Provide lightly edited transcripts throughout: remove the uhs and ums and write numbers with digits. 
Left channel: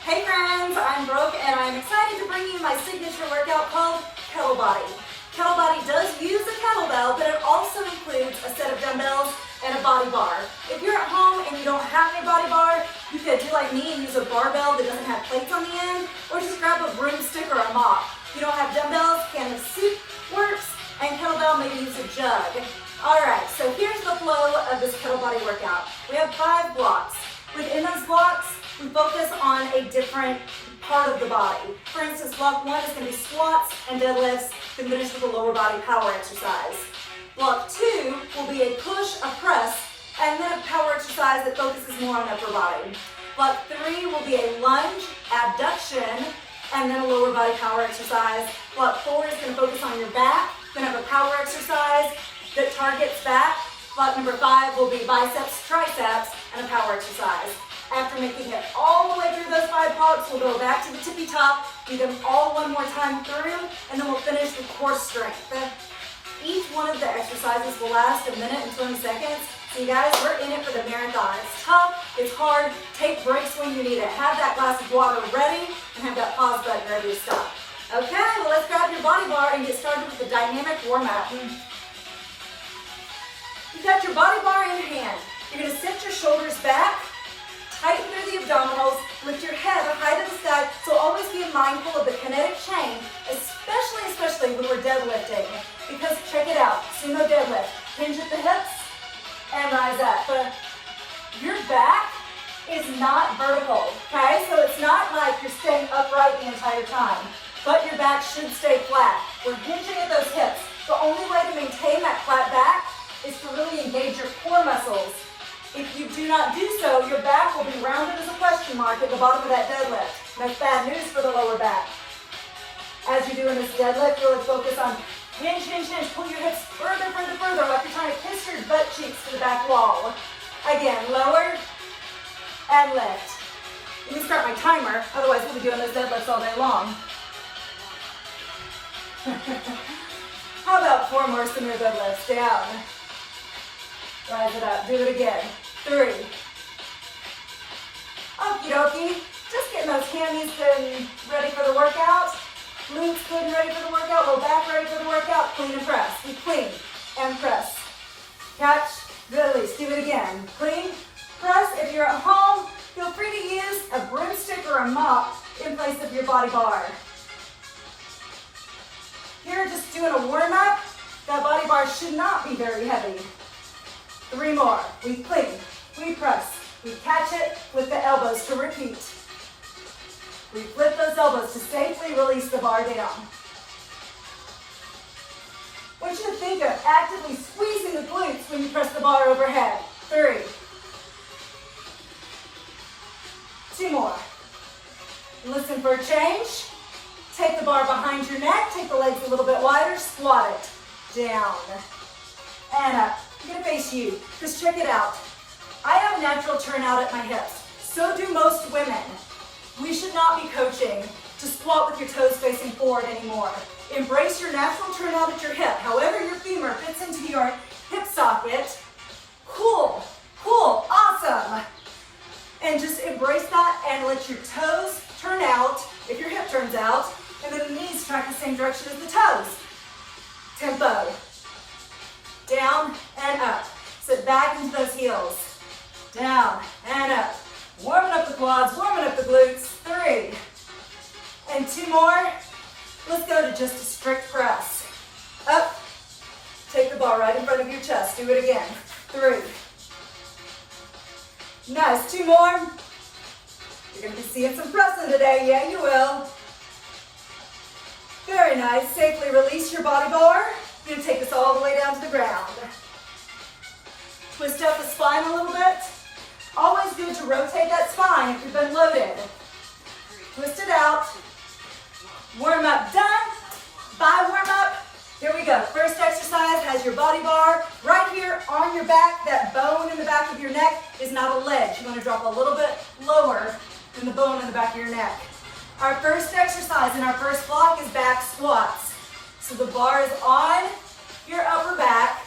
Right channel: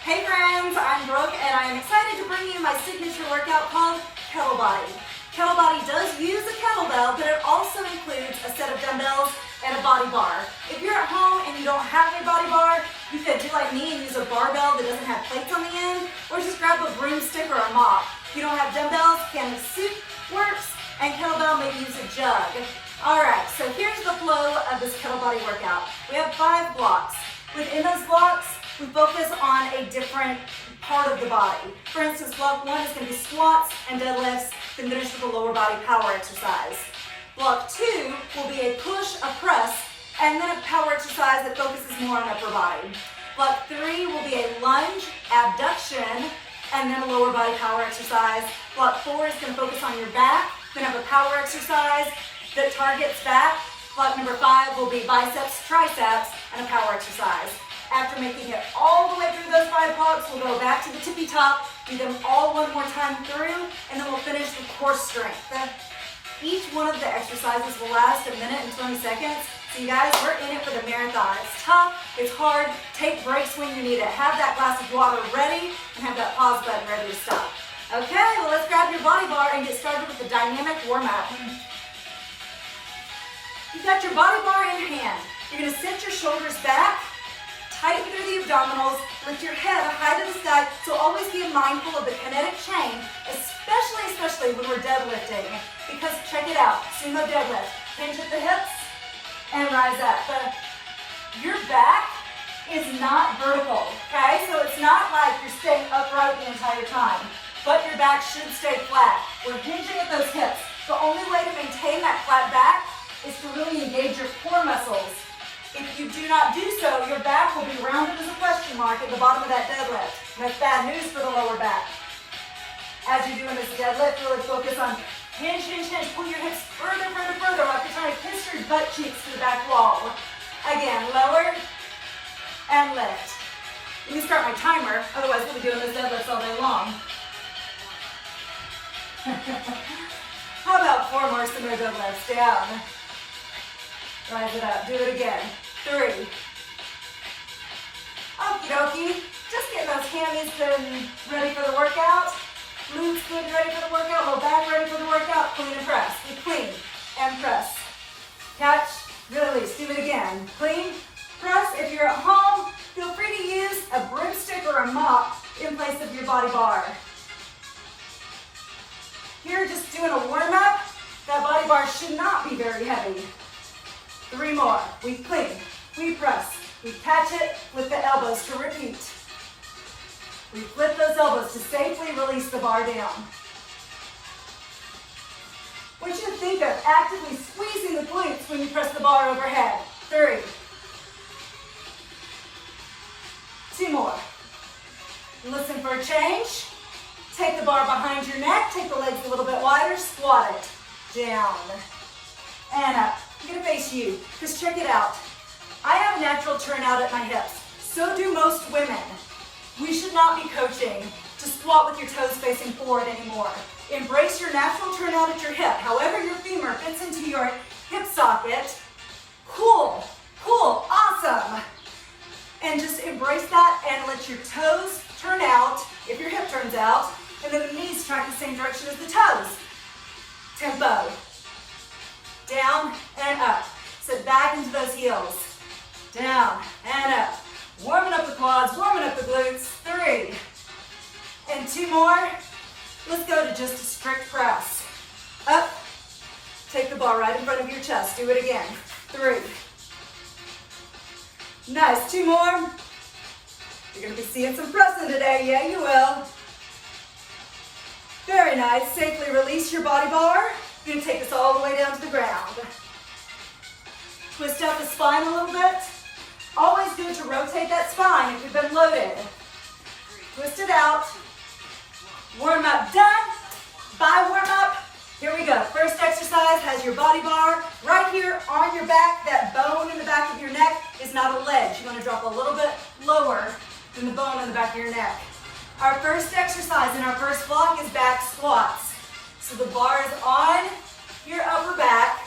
Hey friends, I'm Brooke and I am excited to bring you my signature workout called Kettlebody. Kettlebody does use a kettlebell, but it also includes a set of dumbbells and a body bar. If you're at home and you don't have a body bar, you could do like me and use a barbell that doesn't have plates on the end, or just grab a broomstick or a mop. If you don't have dumbbells, canvas soup works, and kettlebell, maybe use a jug. Alright, so here's the flow of this Kettlebody workout. We have 5 blocks. Within those blocks, we focus on a different part of the body. For instance, block 1 is going to be squats and deadlifts, then finish with a lower body power exercise. Block 2 will be a push, a press, and then a power exercise that focuses more on upper body. Block 3 will be a lunge, abduction, and then a lower body power exercise. Block 4 is going to focus on your back, then have a power exercise that targets back. Block number 5 will be biceps, triceps, and a power exercise. After making it all the way through those 5 blocks, we'll go back to the tippy top, do them all one more time through, and then we'll finish with core strength. Each one of the exercises will last 1 minute and 20 seconds. So you guys, we're in it for the marathon. It's tough, it's hard, take breaks when you need it. Have that glass of water ready, and have that pause button ready to stop. Okay, well let's grab your body bar and get started with the dynamic warm-up. You've got your body bar in your hand. You're going to sit your shoulders back, tighten through the abdominals, lift your head high to the sky, so always be mindful of the kinetic chain, especially when we're deadlifting, because check it out, sumo deadlift, hinge at the hips, and rise up. Your back is not vertical, okay? So it's not like you're staying upright the entire time, but your back should stay flat. We're hinging at those hips. The only way to maintain that flat back is to really engage your core muscles. If you do not do so, your back will be rounded as a question mark at the bottom of that deadlift. And that's bad news for the lower back. As you're doing this deadlift, really focus on hinge, hinge, hinge. Pull your hips further, like you're trying to kiss your butt cheeks to the back wall. Again, lower and lift. Let me start my timer, otherwise we'll be doing those deadlifts all day long. How about 4 more similar deadlifts? Down. Rise it up. Do it again. 3. Okie dokie. Just getting those hammies good and ready for the workout. Glutes good and ready for the workout. Low back ready for the workout. Clean and press. We clean and press. Catch, release. Do it again. Clean, press. If you're at home, feel free to use a broomstick or a mop in place of your body bar. Here, just doing a warm-up. That body bar should not be very heavy. 3 more. We clean, we press, we catch it with the elbows to repeat. We flip those elbows to safely release the bar down. I want you to think of actively squeezing the glutes when you press the bar overhead. 3. 2 more. Listen for a change. Take the bar behind your neck, take the legs a little bit wider, squat it. Down and up. I'm going to face you, because check it out. I have a natural turnout at my hips. So do most women. We should not be coaching to squat with your toes facing forward anymore. Embrace your natural turnout at your hip. However your femur fits into your hip socket. Cool, cool, awesome. And just embrace that and let your toes turn out if your hip turns out, and then the knees track the same direction as the toes. Tempo. Down and up. Sit back into those heels. Down and up. Warming up the quads, warming up the glutes. 3. And 2 more. Let's go to just a strict press. Up. Take the bar right in front of your chest. Do it again. 3. Nice. 2 more. You're going to be seeing some pressing today. Yeah, you will. Very nice. Safely release your body bar. You're going to take this all the way down to the ground. Twist out the spine a little bit. Always good to rotate that spine if you've been loaded. Twist it out. Warm up done. Bye warm up. Here we go. First exercise has your body bar right here on your back. That bone in the back of your neck is not a ledge. You want to drop a little bit lower than the bone in the back of your neck. Our first exercise in our first block is back squats. So the bar is on your upper back.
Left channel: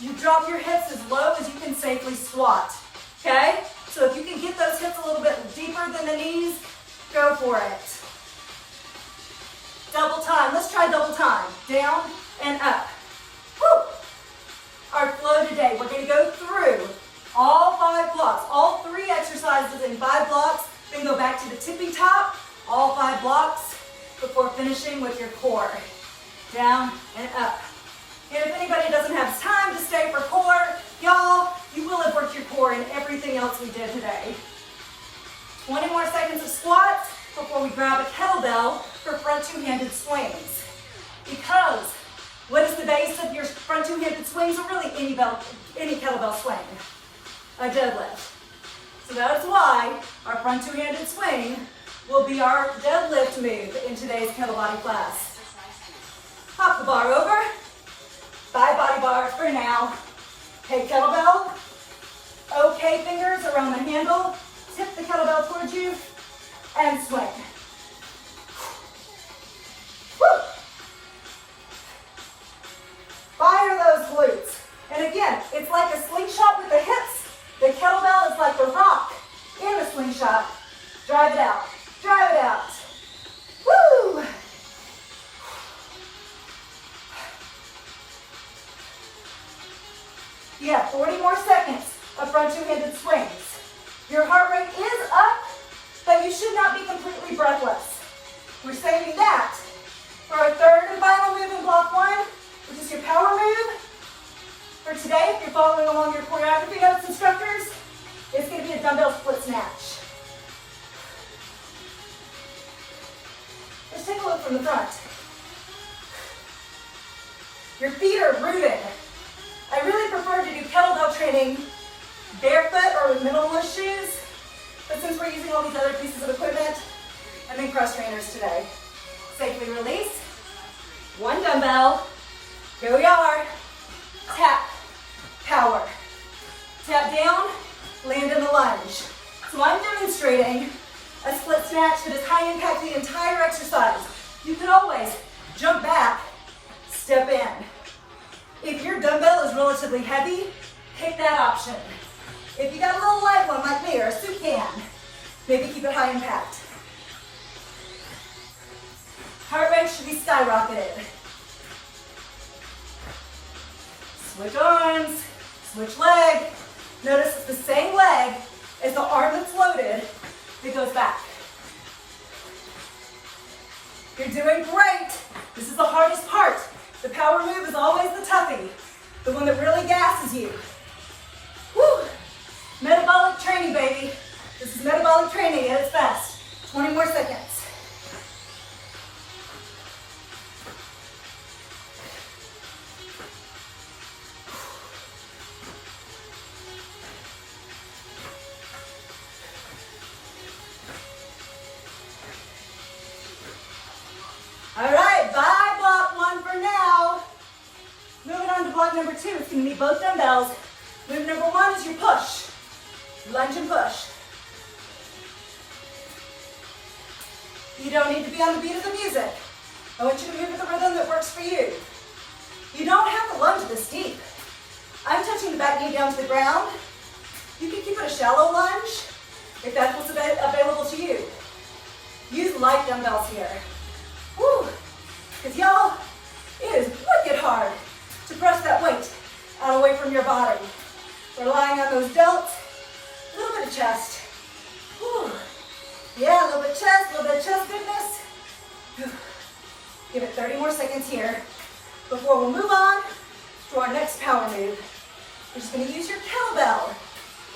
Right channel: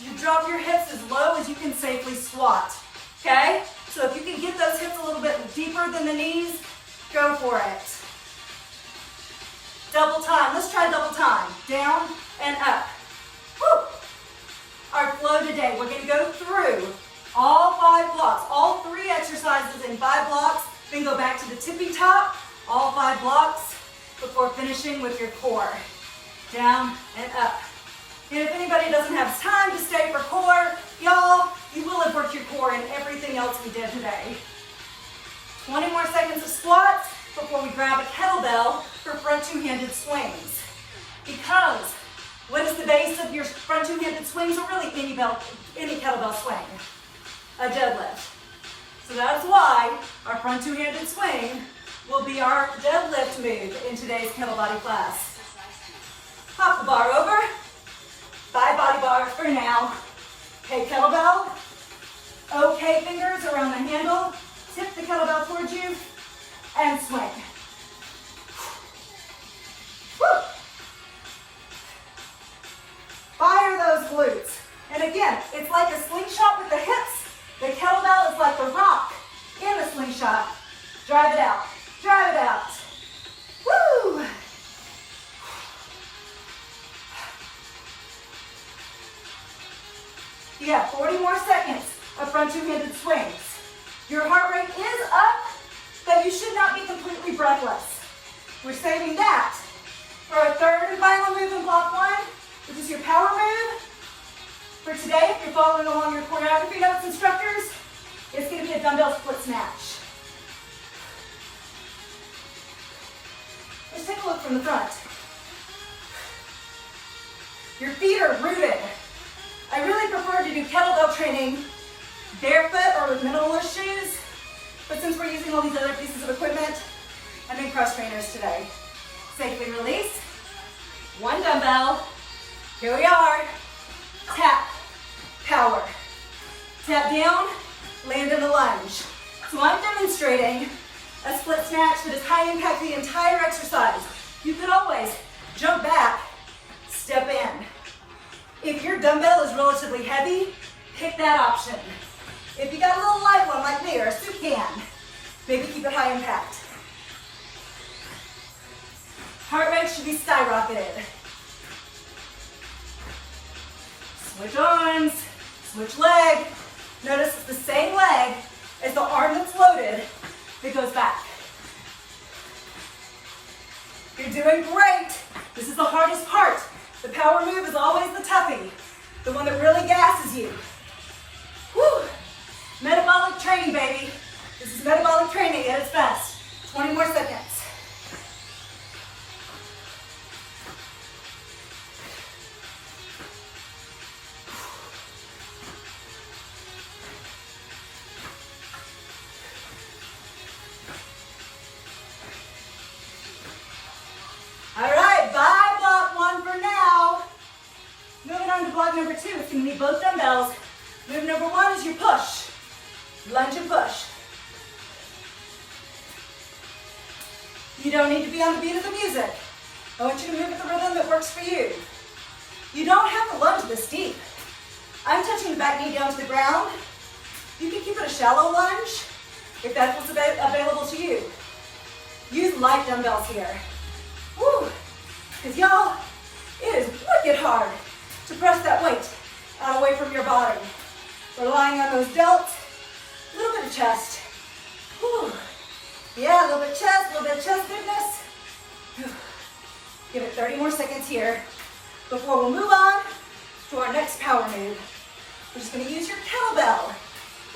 You drop your hips as low as you can safely squat. Okay? So if you can get those hips a little bit deeper than the knees, Go for it. Double time. Let's try double time. Down and up. Woo. Our flow today, we're going to go through all 5 blocks, all 3 exercises in 5 blocks, then go back to the tippy top, all 5 blocks, before finishing with your core. Down and up. And if anybody doesn't have time to stay for core, y'all, you will have worked your core in everything else we did today. 20 more seconds of squats before we grab a kettlebell for front 2-handed swings. Because what is the base of your front 2-handed swings, or really any kettlebell swing? A deadlift. So that's why our front 2-handed swing will be our deadlift move in today's Kettlebody class. Hop the bar over. Bye body bar for now. Okay, kettlebell. Okay, fingers around the handle. Tip the kettlebell towards you and swing. Woo. Fire those glutes. And again, it's like a slingshot with the hips. The kettlebell is like the rock in the slingshot. Drive it out. Drive it out. Woo! You have 40 more seconds of front 2-handed swings. Your heart rate is up, but you should not be completely breathless. We're saving that for our 3rd and final move in block 1, which is your power move. For today, if you're following along your choreography notes, instructors, it's going to be a dumbbell split snatch. Let's take a look from the front. Your feet are rooted. I really prefer to do kettlebell training barefoot or with minimalist shoes, but since we're using all these other pieces of equipment, I'm in cross trainers today. Safely release. 1 dumbbell. Here we are. Tap. Power. Tap down. Land in a lunge. So I'm demonstrating a split snatch that is high impact the entire exercise. You could always jump back, step in. If your dumbbell is relatively heavy, pick that option. If you got a little light one like me or a soup can, maybe keep it high impact. Heart rate should be skyrocketed. Switch arms, switch leg. Notice it's the same leg as the arm that's loaded that goes back. You're doing great. This is the hardest part. The power move is always the toughie, the one that really gasses you. Woo! Metabolic training, baby. This is metabolic training at its best. 20 more seconds. All right, bye block 1 for now. Moving on to block number 2, it's going to need both dumbbells. Move number 1 is your push. Lunge and push. You don't need to be on the beat of the music. I want you to move at the rhythm that works for you. You don't have to lunge this deep. I'm touching the back knee down to the ground. You can keep it a shallow lunge if that's what's available to you. Use light dumbbells here. Woo! Because y'all, it is wicked hard to press that weight out away from your body. Relying on those delts, a little bit of chest. Woo! Yeah, a little bit of chest, a little bit of chest goodness. Whew. Give it 30 more seconds here before we'll move on to our next power move. We're just going to use your kettlebell.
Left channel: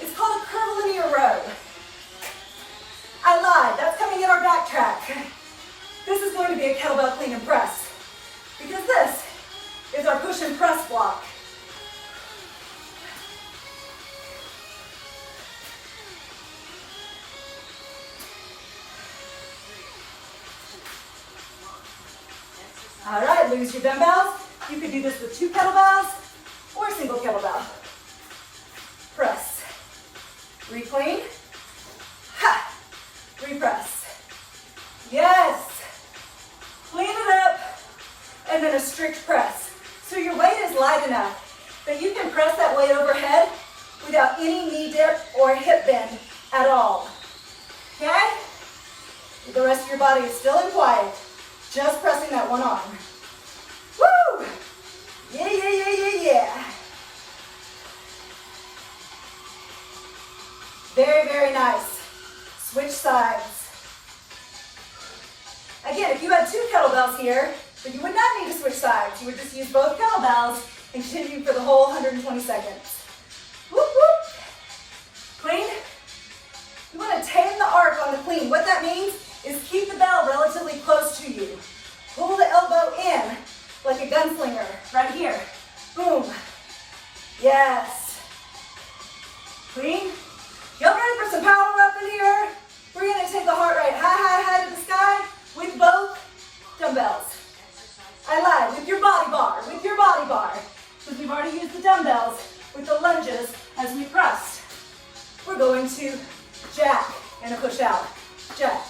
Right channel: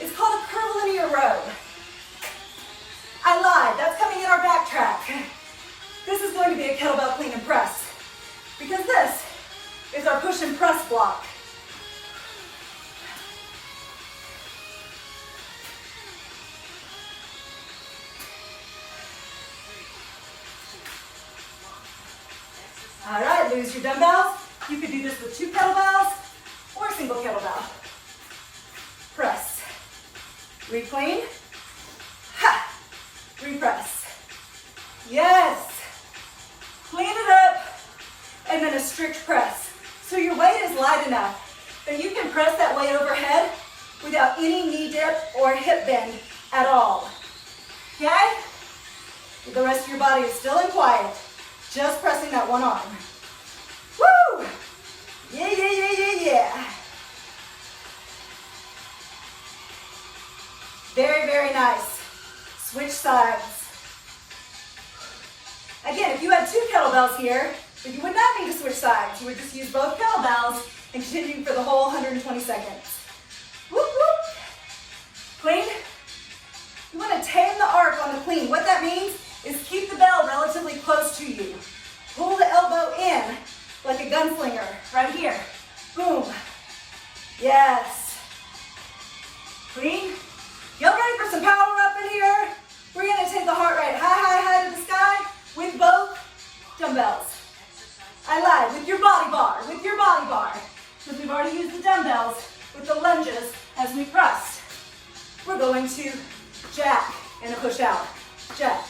It's called a curvilinear row. I lied, that's coming in our backtrack. This is going to be a kettlebell clean and press because this is our push and press block. All right, lose your dumbbells. You could do this with 2 kettlebells or a single kettlebell. Press. Reclean. Ha! Repress. Yes. Clean it up. And then a strict press. So your weight is light enough that you can press that weight overhead without any knee dip or hip bend at all. Okay? The rest of your body is still in quiet. Just pressing that one arm. Woo! Yeah, yeah, yeah, yeah, yeah. Very, very nice. Switch sides. Again, if you had 2 kettlebells here, but you would not need to switch sides. You would just use both kettlebells and continue for the whole 120 seconds. Whoop, whoop. Clean. You want to tame the arc on the clean. What that means is keep the bell relatively close to you. Pull the elbow in like a gunslinger, right here. Boom. Yes. Clean. Y'all ready for some power up in here? We're going to take the heart rate high, high, high to the sky with both dumbbells. I lied, with your body bar, Since we've already used the dumbbells with the lunges as we pressed. We're going to jack and a push out. Jack.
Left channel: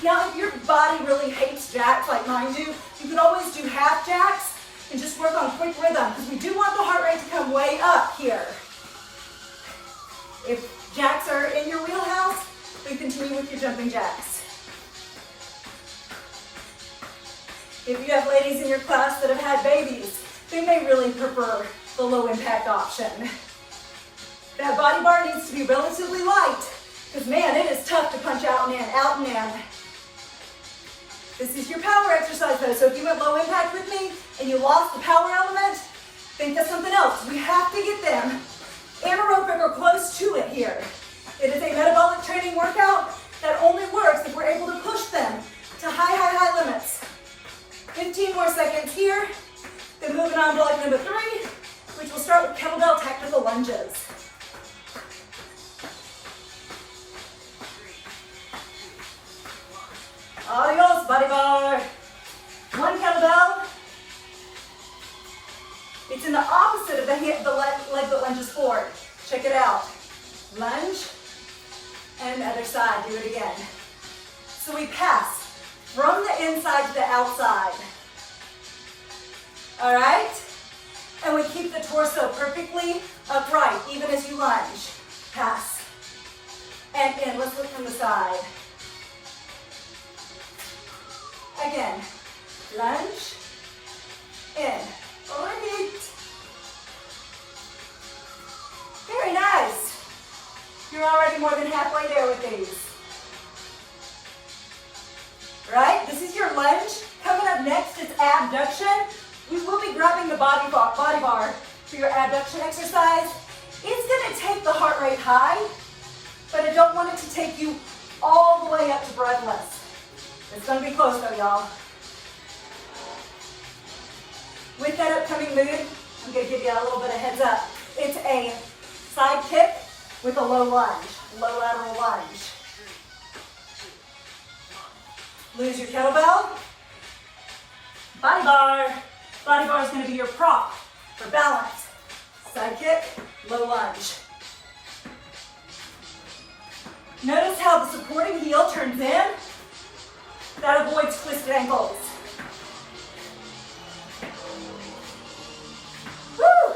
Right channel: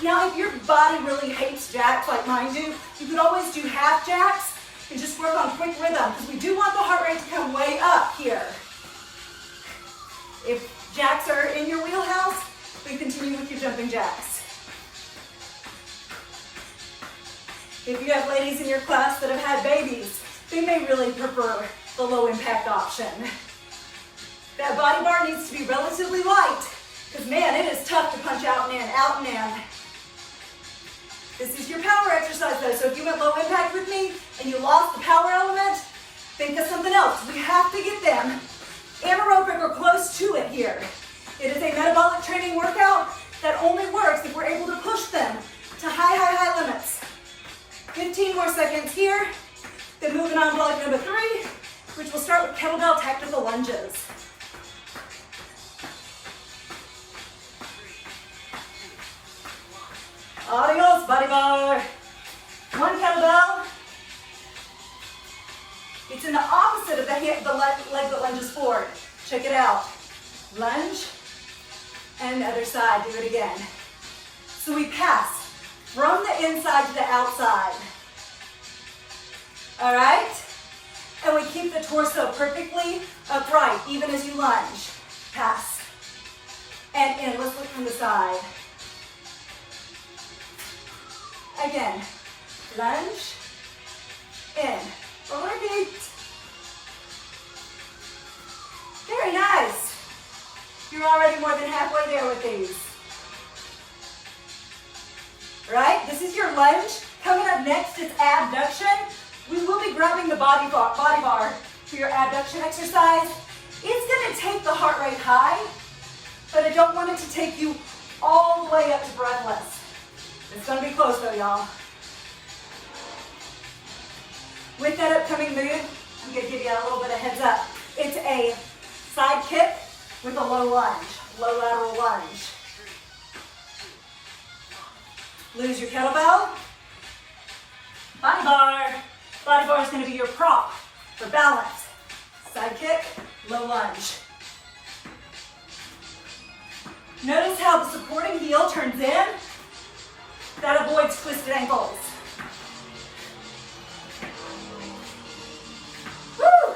Now, if your body really hates jacks like mine do, you could always do half jacks and just work on quick rhythm, because we do want the heart rate to come way up here. If jacks are in your wheelhouse, then continue with your jumping jacks. If you have ladies in your class that have had babies, they may really prefer the low impact option. That body bar needs to be relatively light, because man, it is tough to punch out and in, out and in. This is your power exercise though, so if you went low impact with me and you lost the power element, think of something else. We have to get them anaerobic or close to it here. It is a metabolic training workout that only works if we're able to push them to high, high, high limits. 15 more seconds here. Then moving on to block number 3, which will start with kettlebell tactical lunges. Adios, body bar. 1 kettlebell. It's in the opposite of the leg that lunges forward. Check it out. Lunge, and the other side. Do it again. So we pass from the inside to the outside. All right? And we keep the torso perfectly upright, even as you lunge. Pass. And in. Let's look from the side. Again. Lunge. In. Repeat. Very nice. You're already more than halfway there with these. Right? This is your lunge. Coming up next is abduction. We will be grabbing the body bar for your abduction exercise. It's going to take the heart rate high, but I don't want it to take you all the way up to breathless. It's going to be close though, y'all. With that upcoming move, I'm going to give you a little bit of heads up. It's a side kick with a low lunge, low lateral lunge. Lose your kettlebell. Body bar. Body bar is going to be your prop for balance. Side kick, low lunge. Notice how the supporting heel turns in. That avoids twisted ankles. Woo!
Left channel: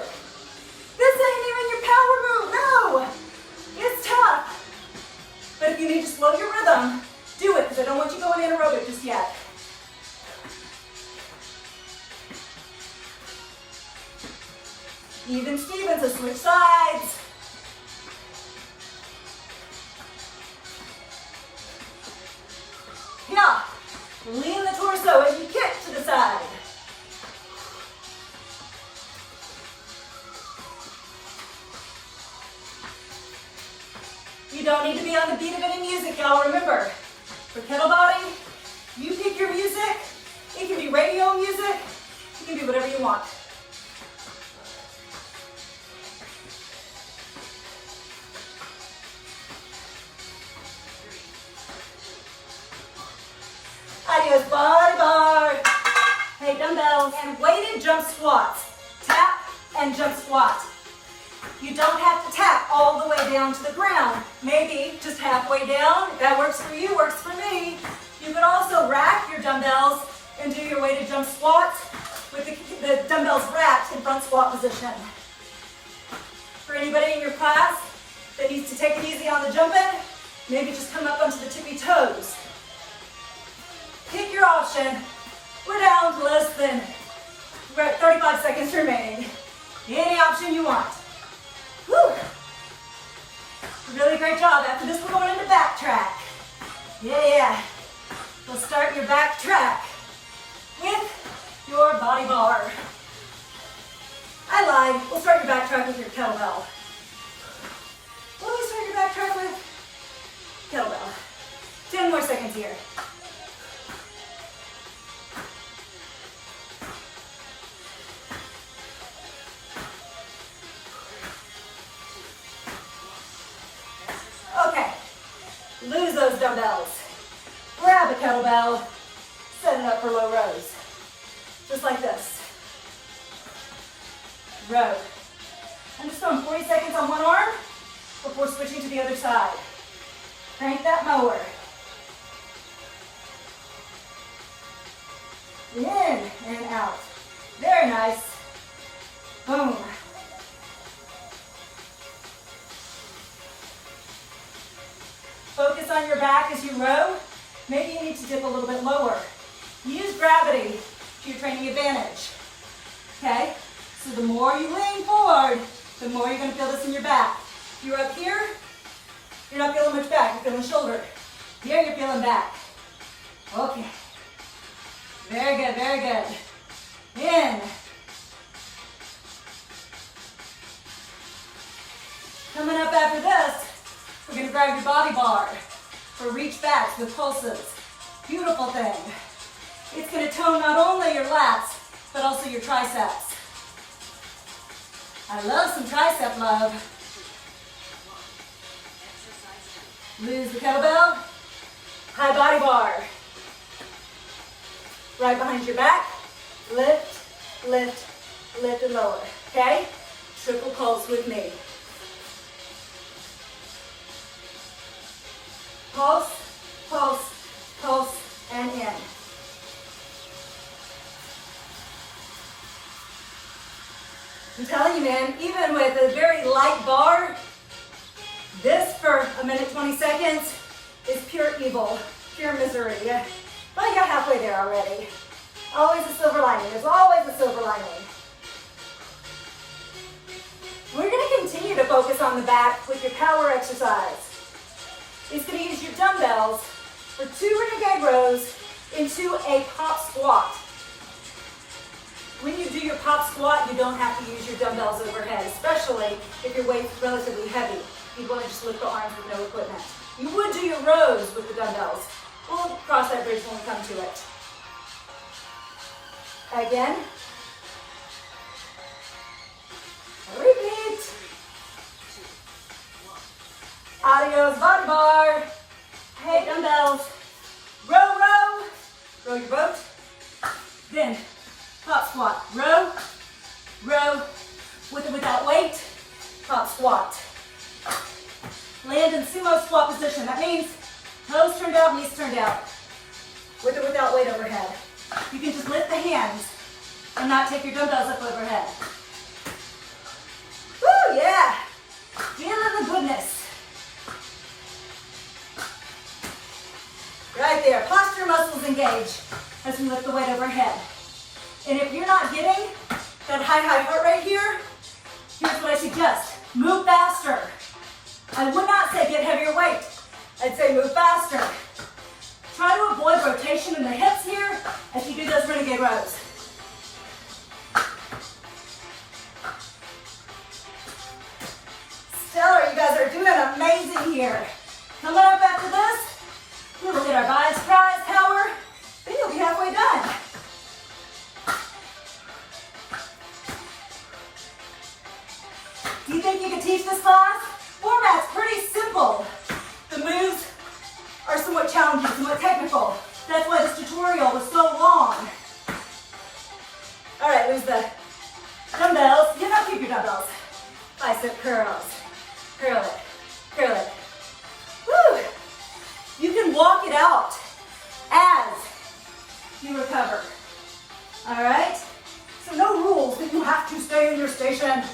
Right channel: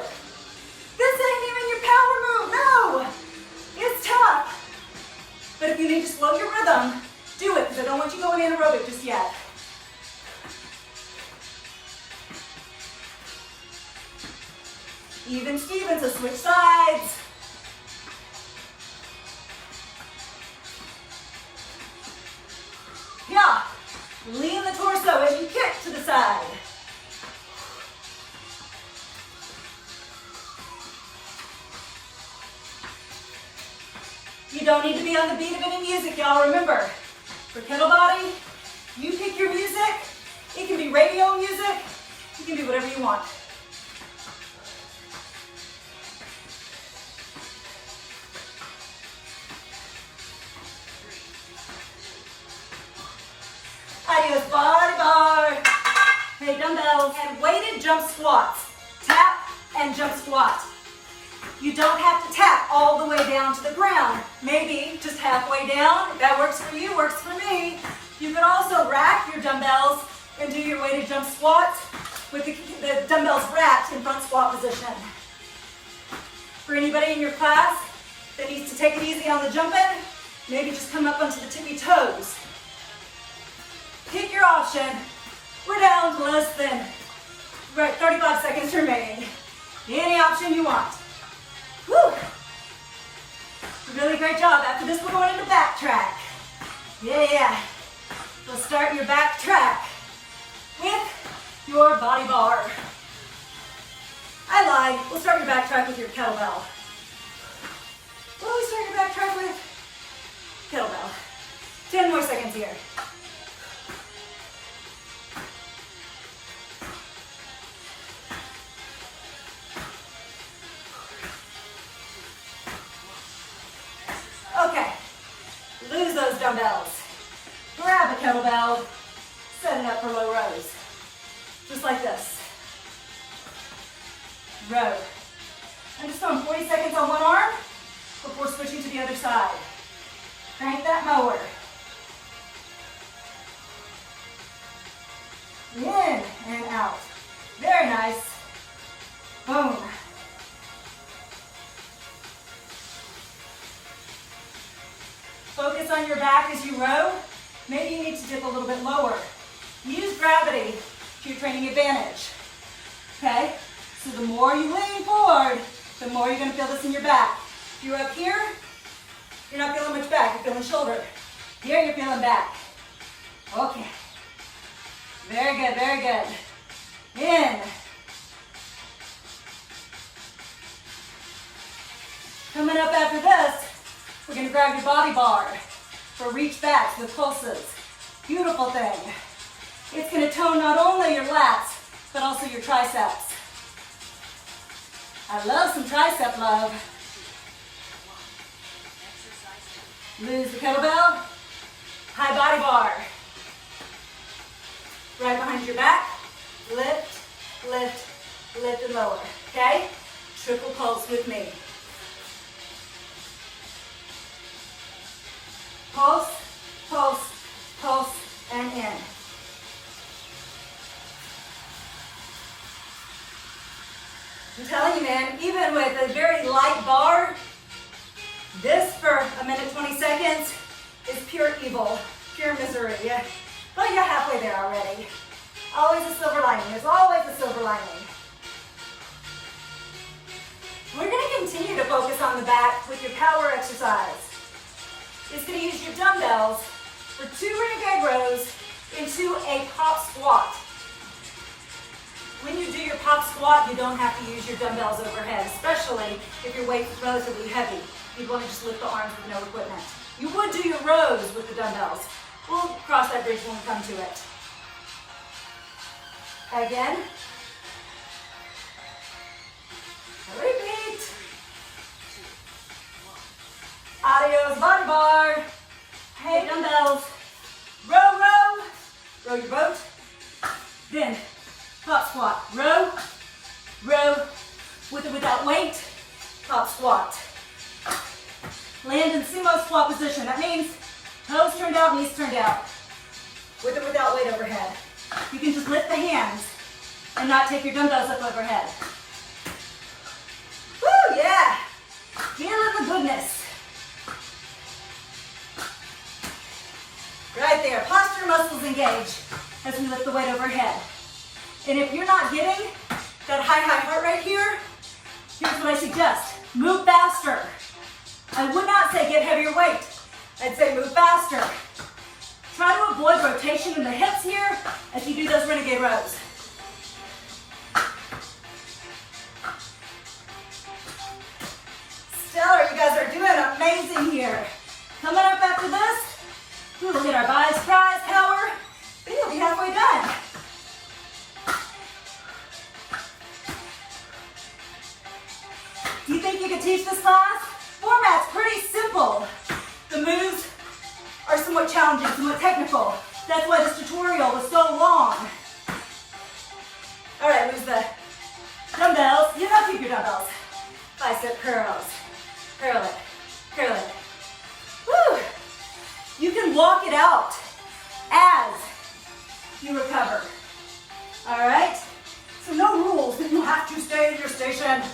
This ain't even your power move, no! It's tough. But if you need to slow your rhythm, do it, because I don't want you going anaerobic just yet. Even Steven, so switch sides. Yeah, lean the torso as you kick to the side. You don't need to be on the beat of any music, y'all. Remember, for Kettlebody, you pick your music. It can be radio music. You can do whatever you want. Adios, body bar. Hey, dumbbells and weighted jump squats. Tap and jump squat. You don't have to tap all the way down to the ground. Maybe just halfway down. If that works for you, works for me. You could also rack your dumbbells and do your weighted jump squat with the dumbbells racked in front squat position. For anybody in your class that needs to take it easy on the jumping, Maybe just come up onto the tippy toes. Pick your option. We're down to less than 35 seconds remaining. Any option you want. Woo! Really great job. After this, we're going into back track. Yeah. Let's start your back track with your body bar. I lied. We'll start your back track with your kettlebell. What do we start your back track with? Kettlebell. 10 more seconds here. Okay. Lose those dumbbells. Grab a kettlebell. Set it up for low rows. Just like this. Row. I'm just going 40 seconds on one arm before switching to the other side. Crank that mower. In and out. Very nice. Boom. Focus on your back as you row. Maybe you need to dip a little bit lower. Use gravity to your training advantage. Okay? So the more you lean forward, the more you're going to feel this in your back. If you're up here, you're not feeling much back, you're feeling shoulder. Here you're feeling back. Okay. Very good, very good. In. Coming up after this, we're going to grab your body bar for reach backs with pulses. Beautiful thing. It's going to tone not only your lats, but also your triceps. I love some tricep love. Lose the kettlebell. High body bar. Right behind your back. Lift, lift, lift and lower. Okay? Triple pulse with me. Pulse, pulse, pulse, and in. I'm telling you, man, even with a very light bar, this for a minute, 20 seconds is pure evil, pure misery. But you're halfway there already. Always a silver lining. There's always a silver lining. We're going to continue to focus on the back with your power exercise. It's going to use your dumbbells for 2 renegade rows into a pop squat. When you do your pop squat, you don't have to use your dumbbells overhead, especially if your weight is relatively heavy. You'd want to just lift the arms with no equipment. You would do your rows with the dumbbells. We'll cross that bridge when we come to it. Again. Repeat. Adios, body bar. Hey, dumbbells. Row, row. Row your boat. Then, top squat. Row, row, with or without weight. Top squat. Land in sumo squat position. That means toes turned out, knees turned out. With or without weight overhead. You can just lift the hands and not take your dumbbells up overhead. Woo, yeah. Feeling the goodness. Right there. Posture muscles engage as we lift the weight overhead. And if you're not getting that high heart rate here, here's what I suggest. Move faster. I would not say get heavier weight. I'd say move faster. Try to avoid rotation in the hips here as you do those renegade rows. Stellar, you guys are doing amazing here. Coming up after this, we'll look at our biceps power, then you'll be halfway done. Do you think you could teach this class? Format's pretty simple. The moves are somewhat challenging, somewhat technical. That's why this tutorial was so long. All right, lose the dumbbells. You have to keep your dumbbells. Bicep curls. Curl it. Curl it. Woo! You can walk it out as you recover. All right? So no rules that you have to stay in your station.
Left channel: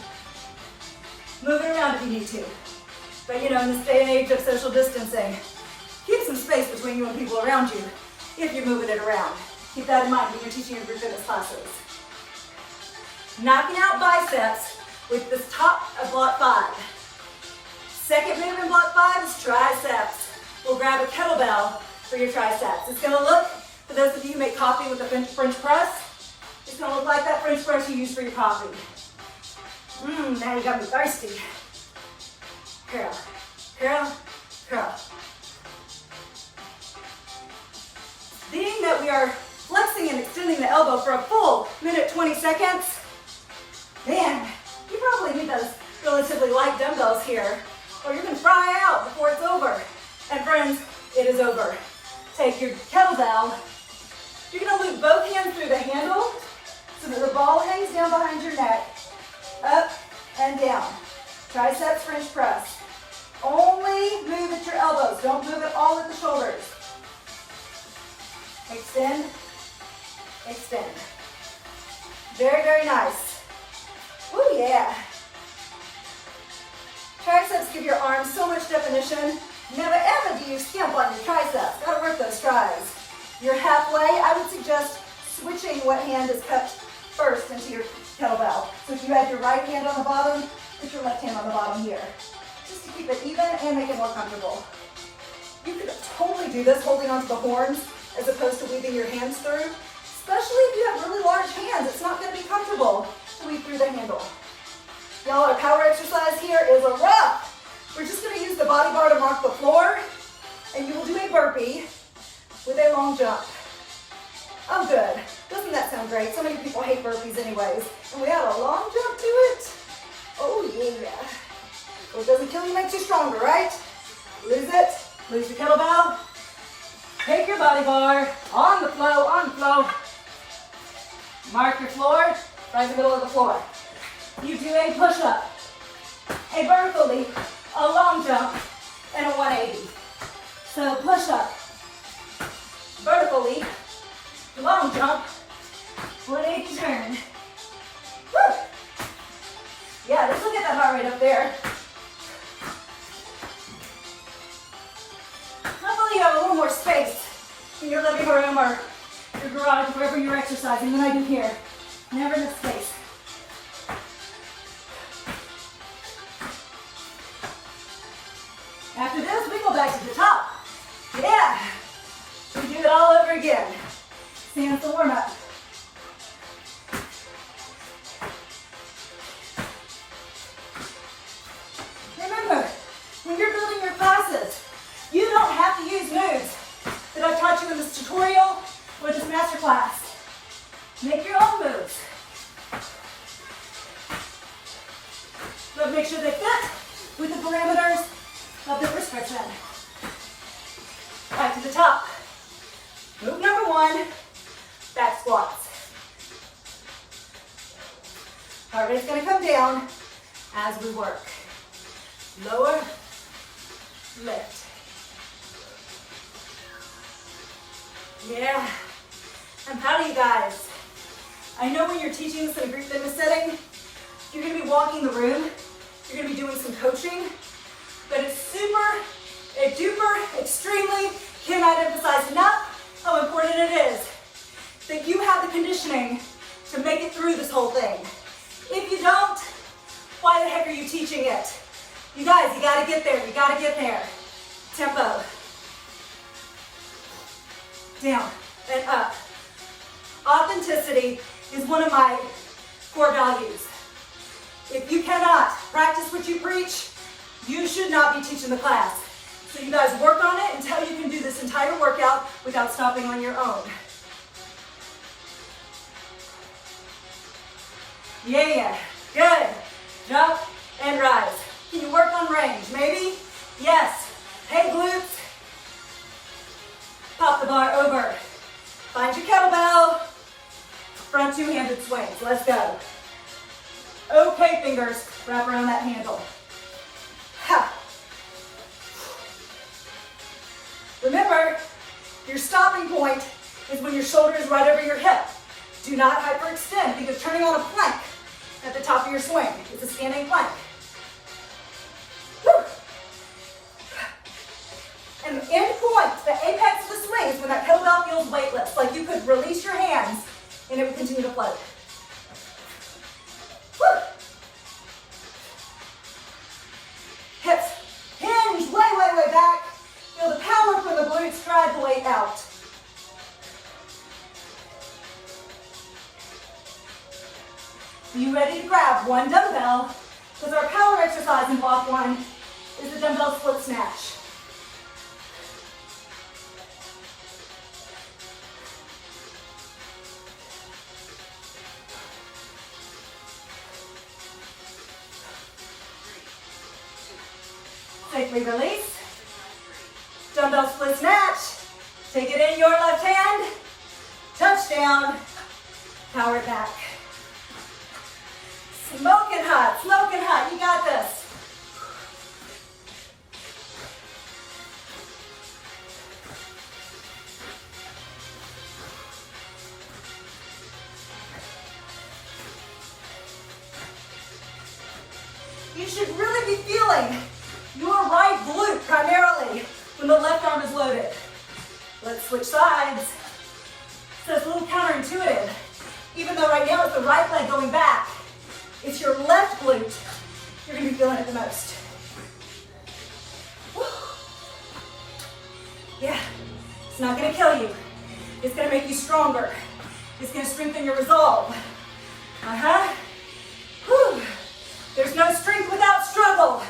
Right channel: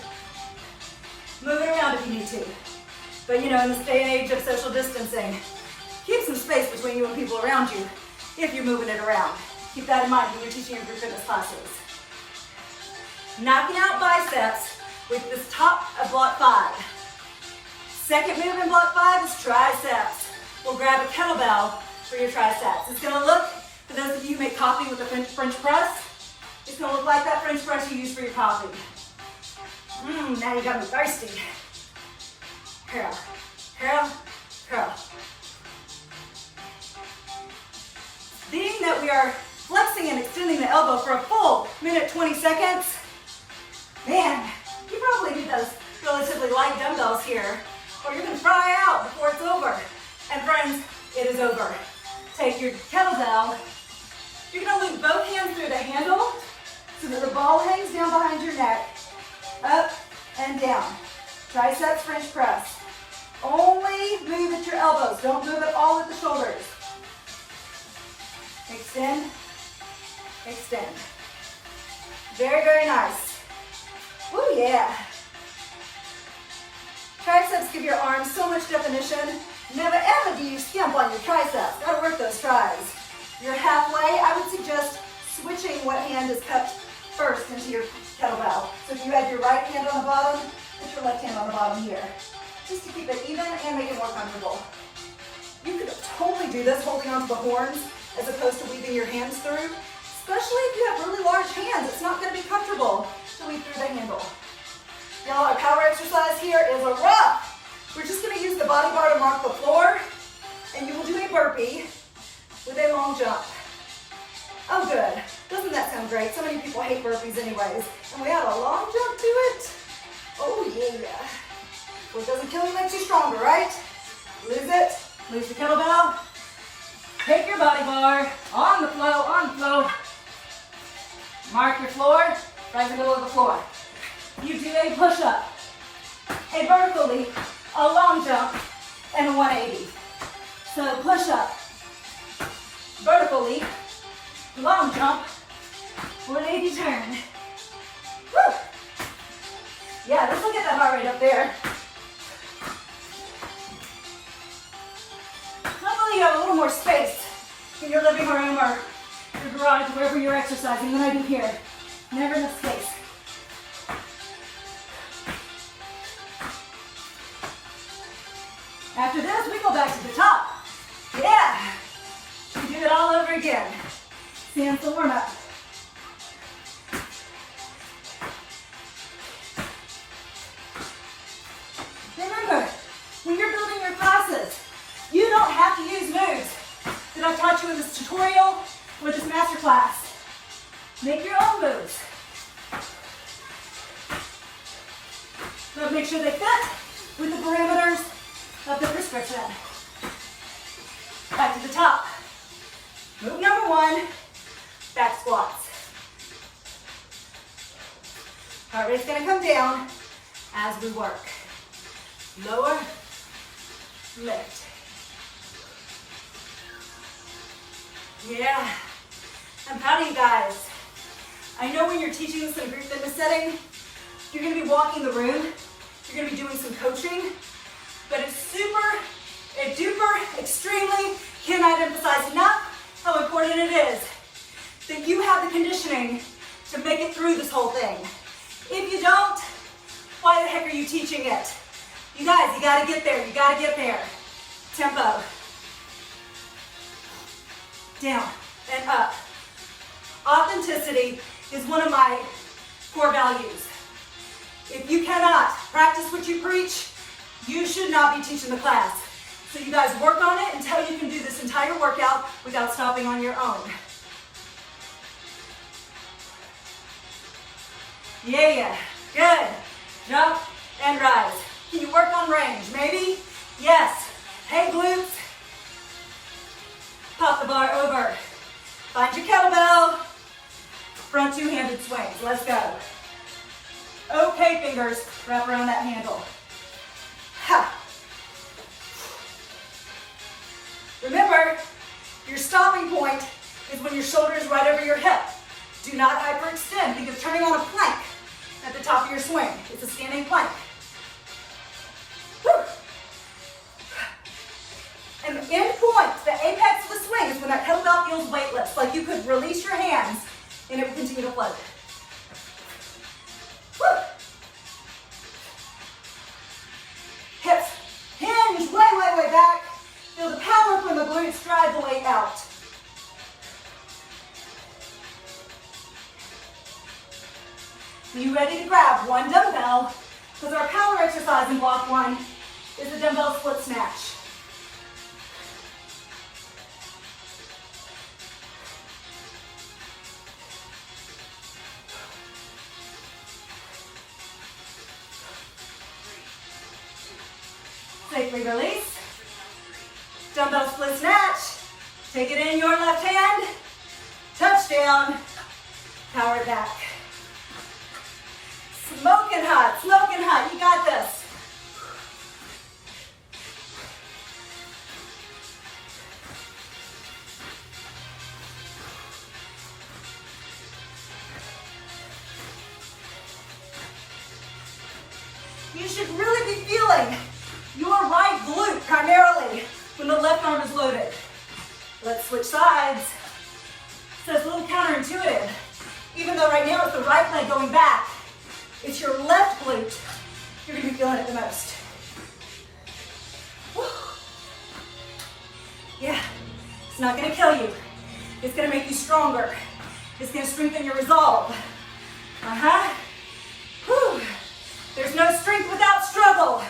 Move it around if you need to. But you know, in this day and age of social distancing, keep some space between you and people around you if you're moving it around. Keep that in mind when you're teaching your group fitness classes. Knocking out biceps with this top of block 5. Second move in block 5 is triceps. We'll grab a kettlebell for your triceps. It's gonna look, for those of you who make coffee with a French press, it's gonna look like that French press you use for your coffee. Now you got me thirsty. Curl, curl, curl. Being that we are flexing and extending the elbow for a full minute, 20 seconds, man, you probably need those relatively light dumbbells here, or you're gonna fry out before it's over. And friends, it is over. Take your kettlebell. You're gonna loop both hands through the handle so that the ball hangs down behind your neck, up and down. Triceps French press. Only move at your elbows. Don't move at all at the shoulders. Extend, extend. Very, very nice. Woo, yeah. Triceps give your arms so much definition. Never ever do you skimp on your triceps. Gotta work those tries. You're halfway. I would suggest switching what hand is cut first into your kettlebell. So if you had your right hand on the bottom, put your left hand on the bottom here. Just to keep it even and make it more comfortable. You could totally do this holding onto the horns as opposed to weaving your hands through. Especially if you have really large hands, it's not gonna be comfortable to weave through the handle. Y'all, our power exercise here is a rough. We're just gonna use the body bar to mark the floor, and you will do a burpee with a long jump. Oh, good. Doesn't that sound great? So many people hate burpees anyways, and we add a long jump to it. Oh, yeah. What doesn't kill you makes you stronger, right? Lose it. Lose your kettlebell. Take your body bar on the flow, on the flow. Mark your floor, right in the middle of the floor. You do a push-up, a vertical leap, a long jump, and a 180. So push-up, vertical leap, long jump, 180 turn. Woo! Yeah, just look at that heart rate up there. Hopefully you have a little more space in your living room or your garage, wherever you're exercising, than I do here. Never enough space. After this, we go back to the top. Yeah. We do it all over again. Stand the warm up. Remember, when you're building your classes, you don't have to use moves that I taught you in this tutorial or this master class. Make your own moves. But make sure they fit with the parameters of the prescription. Back to the top. Move number 1, back squats. Heart rate's gonna come down as we work. Lower, lift. Yeah, I'm proud of you guys. I know when you're teaching this in a group fitness setting, you're gonna be walking the room, you're gonna be doing some coaching, but it's super, duper, extremely, cannot emphasize enough how important it is that you have the conditioning to make it through this whole thing. If you don't, why the heck are you teaching it? You guys, you gotta get there, you gotta get there. Tempo. Down and up. Authenticity is one of my core values. If you cannot practice what you preach, you should not be teaching the class. So you guys work on it until you can do this entire workout without stopping on your own. Yeah, good. Jump and rise. Can you work on range? Maybe? Yes. Hey, glutes. Pop the bar over. Find your kettlebell. Front two-handed swings. Let's go. Okay, fingers. Wrap around that handle. Ha. Remember, your stopping point is when your shoulder is right over your hip. Do not hyperextend because turning on a plank at the top of your swing. It's a standing plank. Woo. And the end point, the apex of the swing is when that kettlebell feels weightless. Like you could release your hands and it would continue to float. Woo! Hips hinge way, way, way back. Feel the power from the glutes drive the weight out. Are you ready to grab one dumbbell? Because our power exercise in block one is a dumbbell split snatch. Safely release. Dumbbell split snatch. Take it in your left hand. Touchdown. Power it back. Smoking hot, smoking hot. You got this. You should really be feeling your right glute primarily when the left arm is loaded. Let's switch sides. So it's a little counterintuitive. Even though right now it's the right leg going back, it's your left glute. You're gonna be feeling it the most. Woo. Yeah, it's not gonna kill you. It's gonna make you stronger. It's gonna strengthen your resolve. Whew. There's no strength without struggle.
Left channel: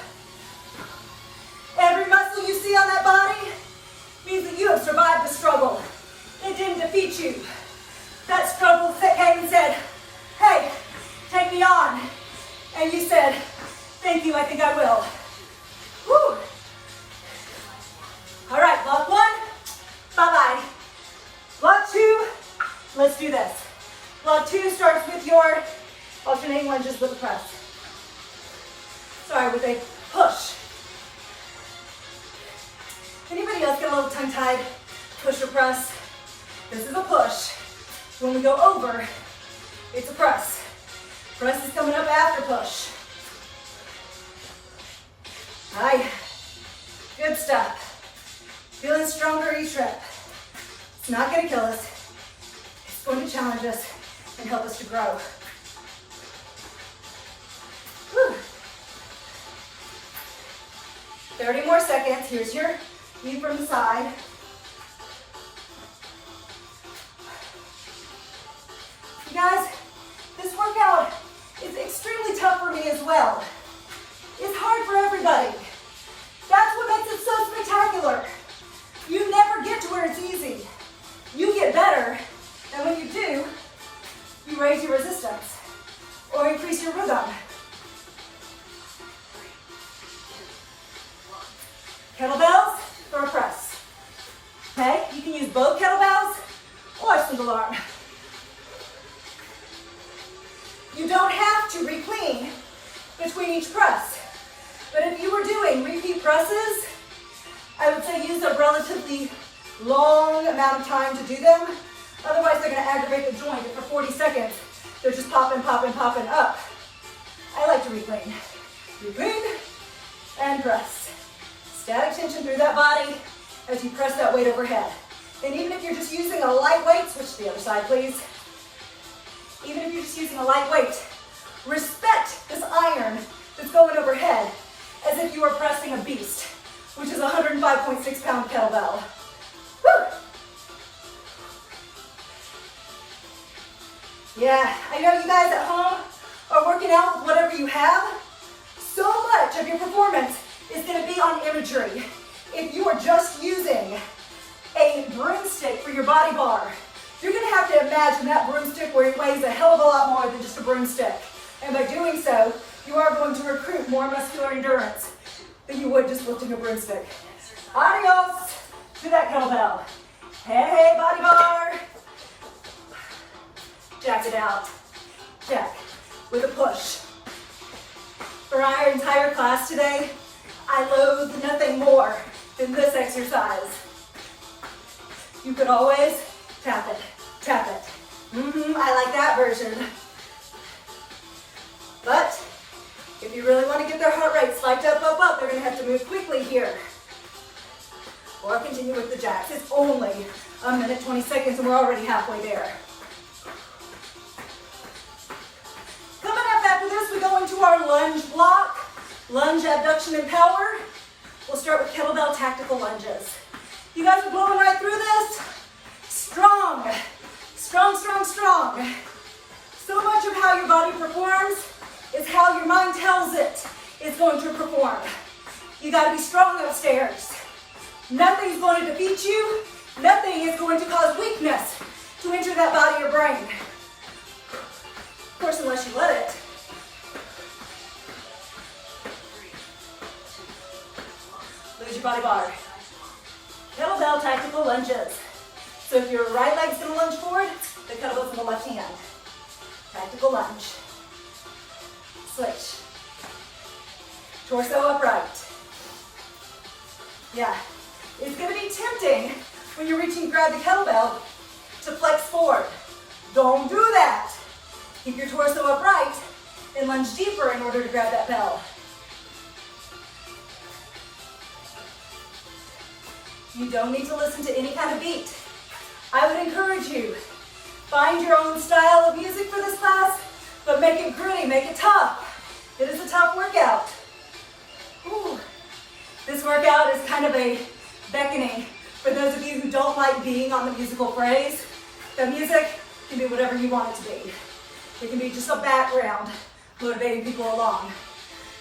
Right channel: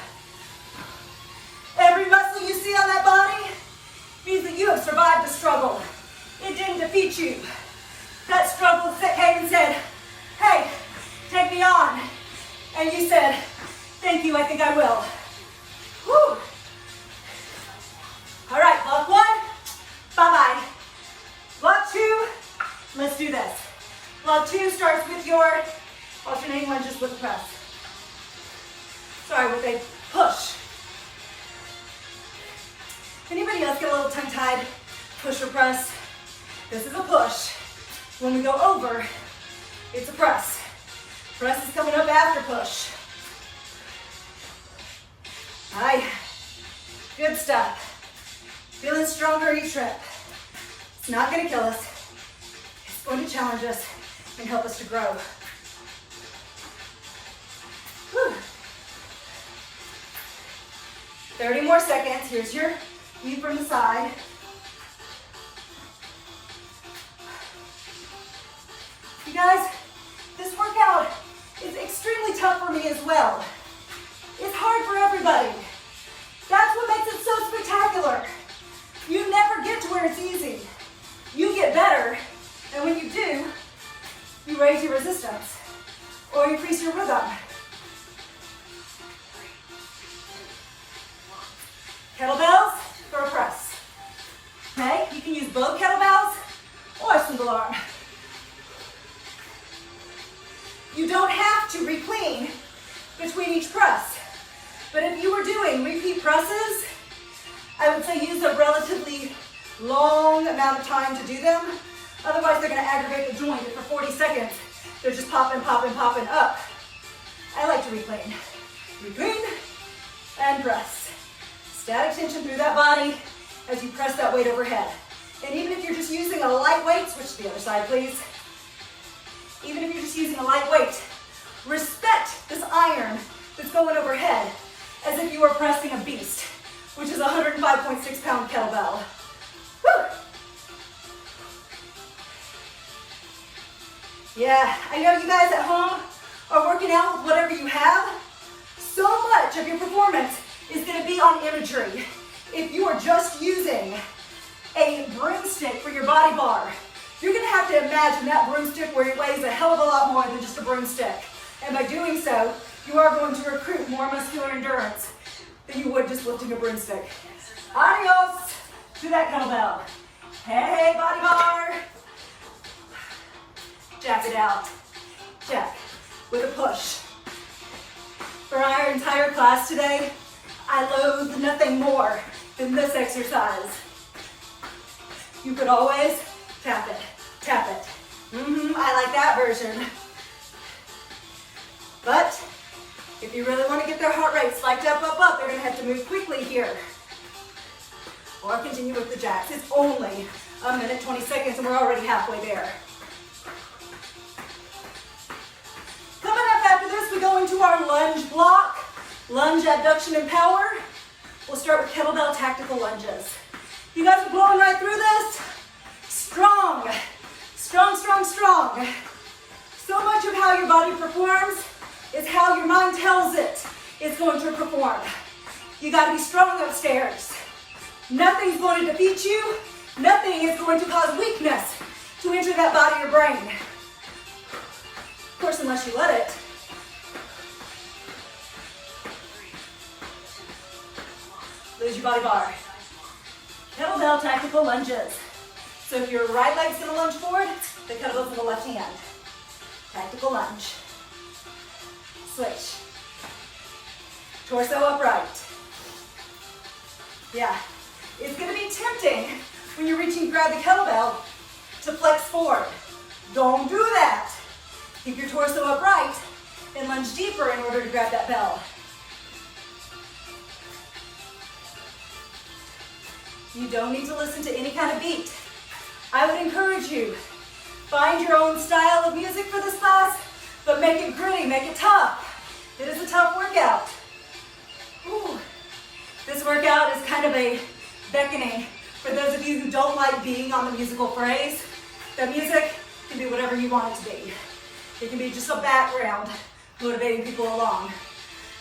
Every muscle you see on that body means that you have survived the struggle. It didn't defeat you. That struggle that came and said, hey, take me on. And you said, thank you, I think I will. Whew. All right, block one, bye-bye. Block two, let's do this. Block two starts with your alternating lunges with a press. Sorry, with a push. Anybody else get a little tongue-tied? Push or press? This is a push. When we go over, it's a press. Press is coming up after push. All right, good stuff. Feeling stronger each rep. It's not gonna kill us. It's going to challenge us and help us to grow. Whew. 30 more seconds. Here's your knee from the side. You guys, this workout is extremely tough for me as well. It's hard for everybody. That's what makes it so spectacular. You never get to where it's easy. You get better, and when you do, you raise your resistance or increase your rhythm. Kettlebells for a press. Okay, you can use both kettlebells or single arm. You don't have to reclean between each press. But if you were doing repeat presses, I would say use a relatively long amount of time to do them. Otherwise, they're going to aggravate the joint. For 40 seconds, they're just popping, popping, popping up. I like to reclean. Reclean and press. Static tension through that body as you press that weight overhead. And even if you're just using a light weight, switch to the other side, please. Even if you're just using a light weight, respect this iron that's going overhead as if you were pressing a beast, which is a 105.6 pound kettlebell. Woo! Yeah, I know you guys at home are working out with whatever you have. So much of your performance is going to be on imagery. If you are just using a broomstick for your body bar, you're going to have to imagine that broomstick where it weighs a hell of a lot more than just a broomstick. And by doing so, you are going to recruit more muscular endurance than you would just lifting a broomstick. Adios to that kettlebell. Hey, body bar. Jack it out. Jack with a push. For our entire class today, I loathe nothing more than this exercise. You could always tap it, tap it. I like that version. But if you really want to get their heart rate spiked up, they're going to have to move quickly here. or continue with the jacks. It's only a minute, 20 seconds, and we're already halfway there. Coming up after this, we go into our lunge block, lunge abduction and power. We'll start with kettlebell tactical lunges. You guys are blowing right through this. Strong, strong, strong, strong. So much of how your body performs is how your mind tells it it's going to perform. You gotta be strong upstairs. Nothing's going to defeat you. Nothing is going to cause weakness to enter that body or brain. Of course, unless you let it. Lose your body bar. Kettlebell tactical lunges. So if your right leg's gonna lunge forward, the kettlebell's in the left hand. Tactical lunge. Switch. Torso upright. Yeah. It's gonna be tempting when you're reaching to grab the kettlebell to flex forward. Don't do that. Keep your torso upright and lunge deeper in order to grab that bell. You don't need to listen to any kind of beat. I would encourage you, find your own style of music for this class, but make it gritty, make it tough. It is a tough workout. Ooh. This workout is kind of a beckoning for those of you who don't like being on the musical phrase. The music can be whatever you want it to be. It can be just a background motivating people along.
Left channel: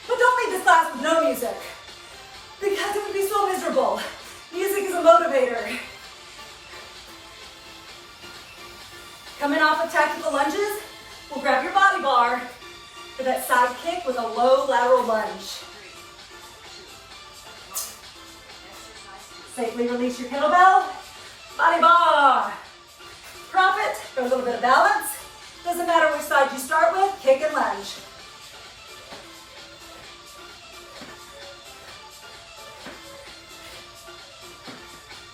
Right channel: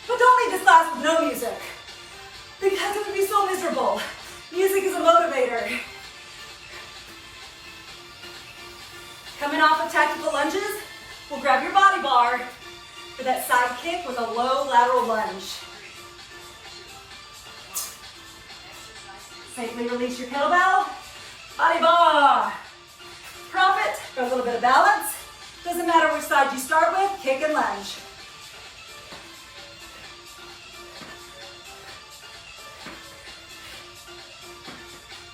But don't leave this class with no music, because it would be so miserable. Music is a motivator. Coming off of tactical lunges, we'll grab your body bar for that side kick with a low lateral lunge. Safely release your kettlebell, body bar. Prop it for a little bit of balance. Doesn't matter which side you start with, kick and lunge.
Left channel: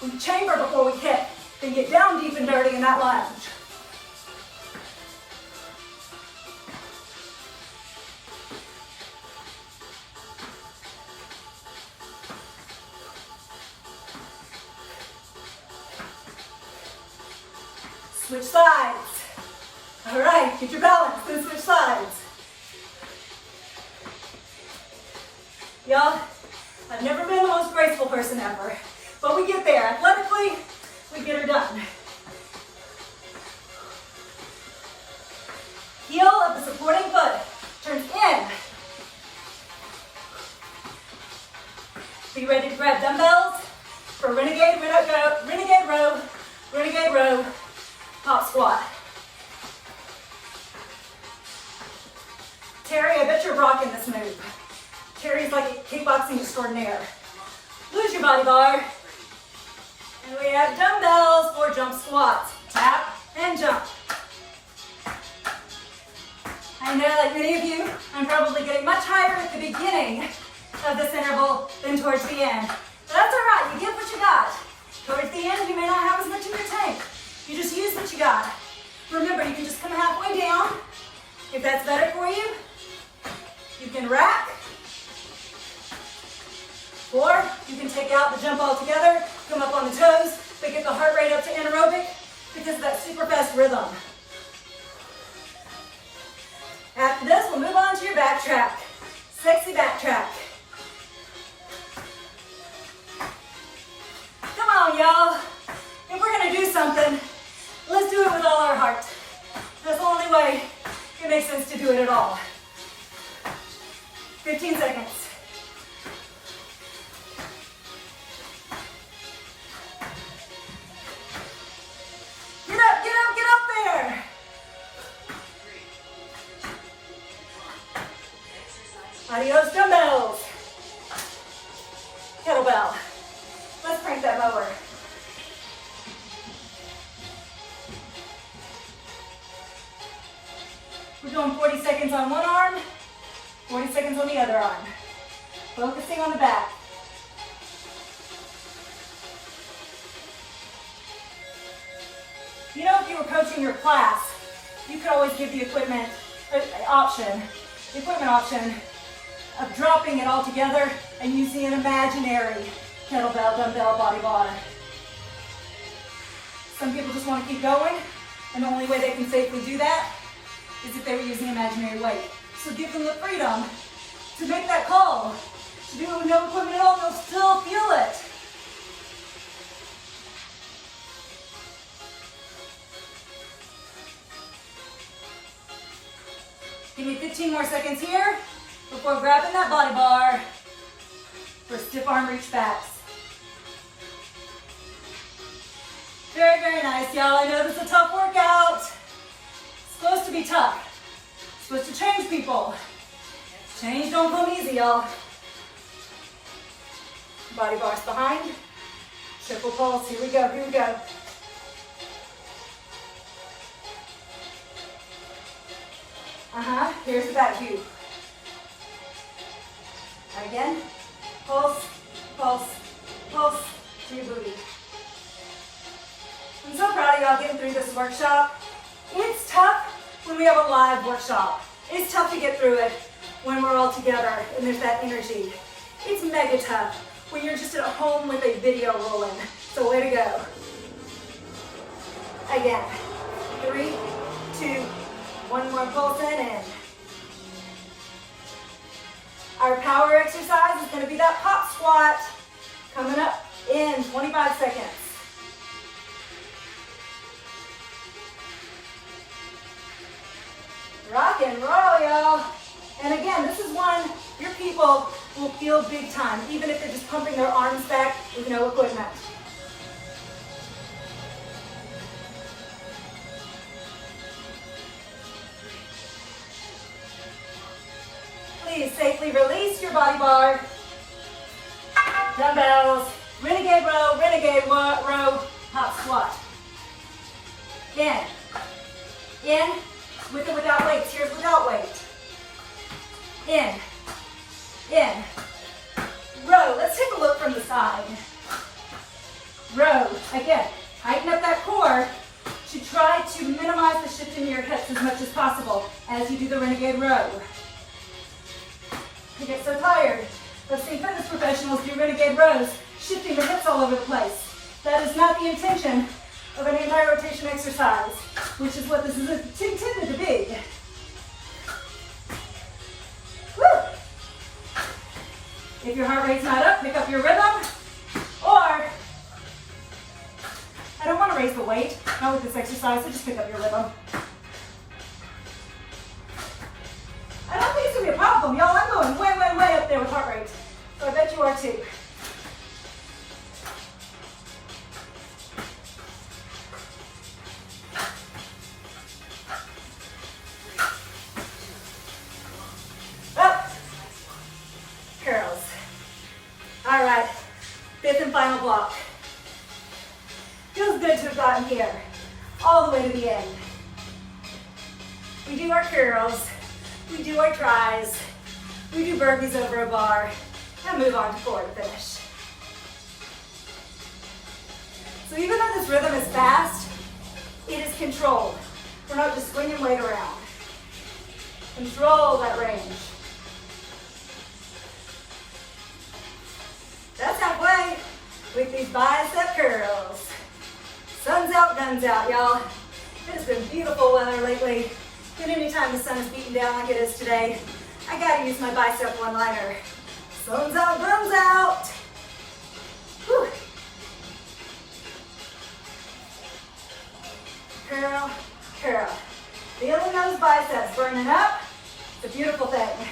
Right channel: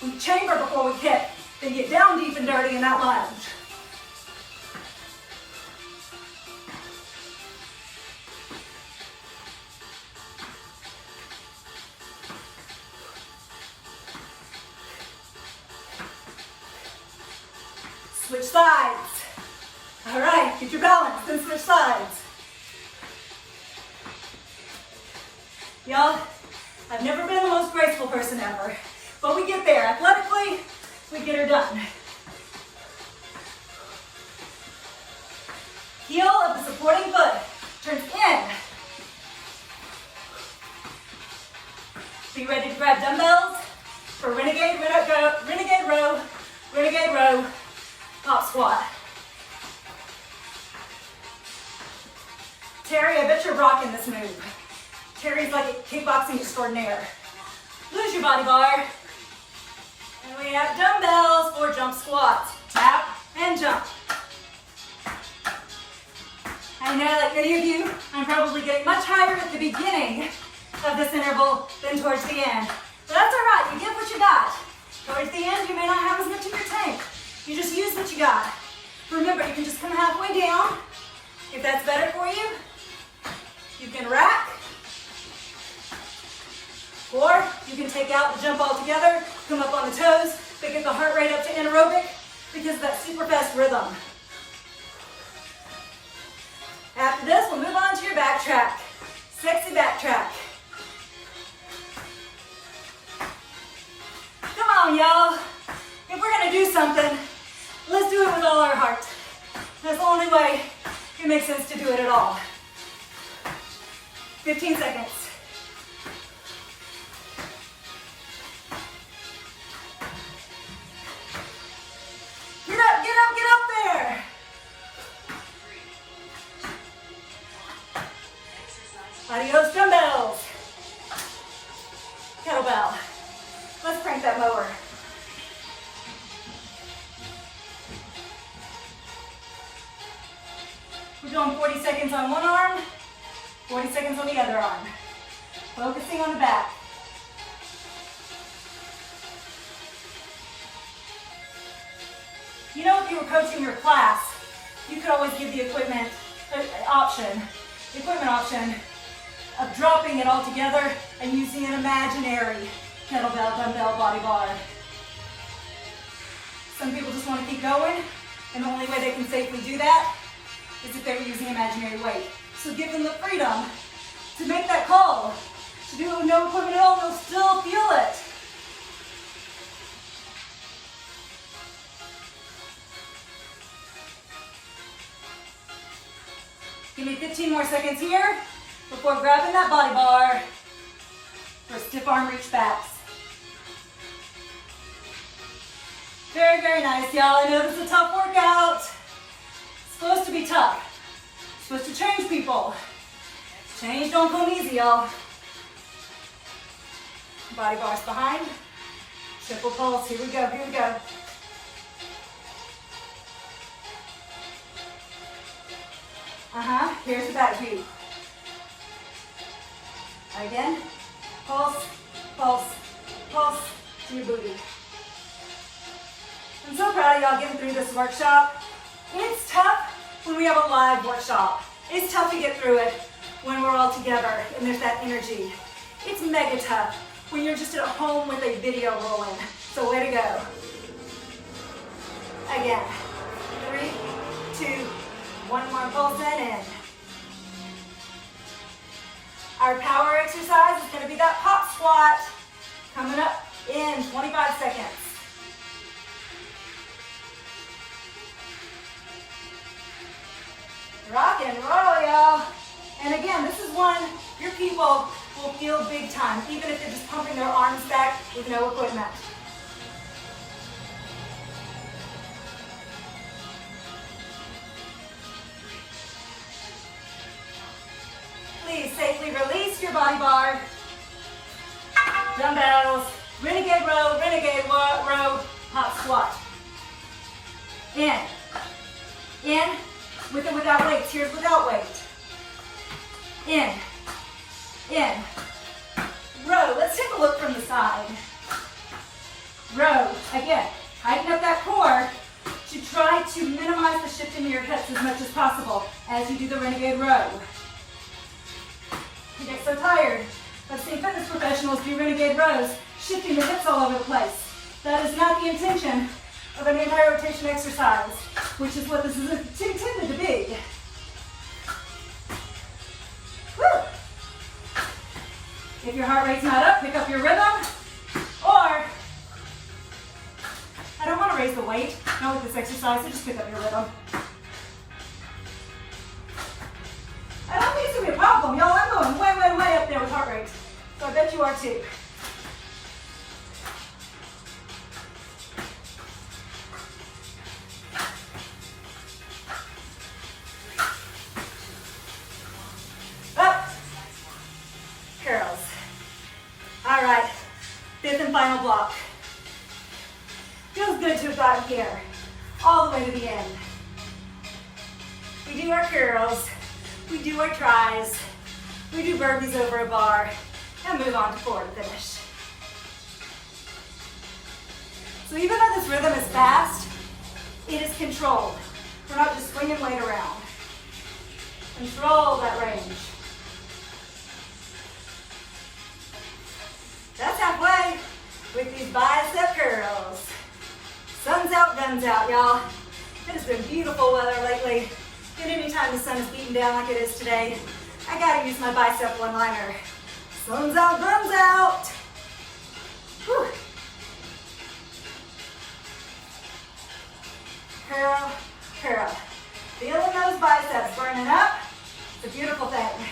We chamber before we kick, then get down deep and dirty in that lunge. Switch sides. All right, get your balance, then switch sides. Y'all, I've never been the most graceful person ever, but we get there. Athletically, we get her done. Heel of the supporting foot turns in. Be ready to grab dumbbells for renegade row, pop squat. Terry, I bet you're rocking this move. Terry's like a kickboxing extraordinaire. Lose your body bar. And we have dumbbells for jump squats. Tap and jump. I know, like many of you, I'm probably getting much higher at the beginning of this interval than towards the end. But that's all right, you get what you got. Towards the end, you may not have as much in your tank. You just use what you got. Remember, you can just come halfway down. If that's better for you, you can rack. Or you can take out the jump altogether, come up on the toes, but get the heart rate up to anaerobic because of that super fast rhythm. After this, we'll move on to your back track. Sexy back track. Come on, y'all. If we're gonna do something, let's do it with all our heart. That's the only way it makes sense to do it at all. 15 seconds. Get up, get up, get up there. Adios, dumbbells. Kettlebell. Let's crank that mower. We're doing 40 seconds on one arm, 40 seconds on the other arm. Focusing on the back. You know, if you were coaching your class, you could always give the equipment option of dropping it all together and using an imaginary kettlebell, dumbbell, body bar. Some people just want to keep going, and the only way they can safely do that is if they're using imaginary weight. So give them the freedom to make that call. To do it with no equipment at all, they'll still feel it. Give me 15 more seconds here before grabbing that body bar for stiff arm reach backs. Very, very nice, y'all. I know this is a tough workout. It's supposed to be tough. It's supposed to change people. Change don't come easy, y'all. Body bars behind. Triple pulse. Here we go, here we go. Here's the back view. Again. Pulse, pulse, pulse to your booty. I'm so proud of y'all getting through this workshop. It's tough when we have a live workshop. It's tough to get through it when we're all together and there's that energy. It's mega tough when you're just at home with a video rolling. So way to go. Again, 3, 2, 1 more pulse in. Our power exercise is going to be that pop squat coming up in 25 seconds. Rock and roll, y'all. And again, this is one your people will feel big time, even if they're just pumping their arms back with no equipment. Please safely release your body bar. Dumbbells, renegade row, hop squat. In, with or without weights. Here's without weight. In, row. Let's take a look from the side. Row, again, tighten up that core to try to minimize the shift in your hips as much as possible as you do the renegade row. You get so tired of seeing fitness professionals do renegade rows, shifting the hips all over the place. That is not the intention of an anti-rotation exercise, which is what this is intended to be. Woo! If your heart rate's not up, pick up your rhythm. Or, I don't want to raise the weight, not with this exercise, so just pick up your rhythm. I don't think it's going to be a problem, y'all. I'm going way, way, way up there with heart rate. So I bet you are too. Up. Curls. All right. 5th and final block. Feels good to have gotten here. All the way to the end. We do our curls. We do our tries, we do burpees over a bar, and move on to floor to finish. So even though this rhythm is fast, it is controlled. We're not just swinging weight around. Control that range. That's halfway with these bicep curls. Sun's out, guns out, y'all. It has been beautiful weather lately. And anytime the sun is beating down like it is today, I gotta use my bicep one-liner. Sun's out, guns out. Whew. Curl, curl. Feeling those biceps burning up. It's a beautiful thing.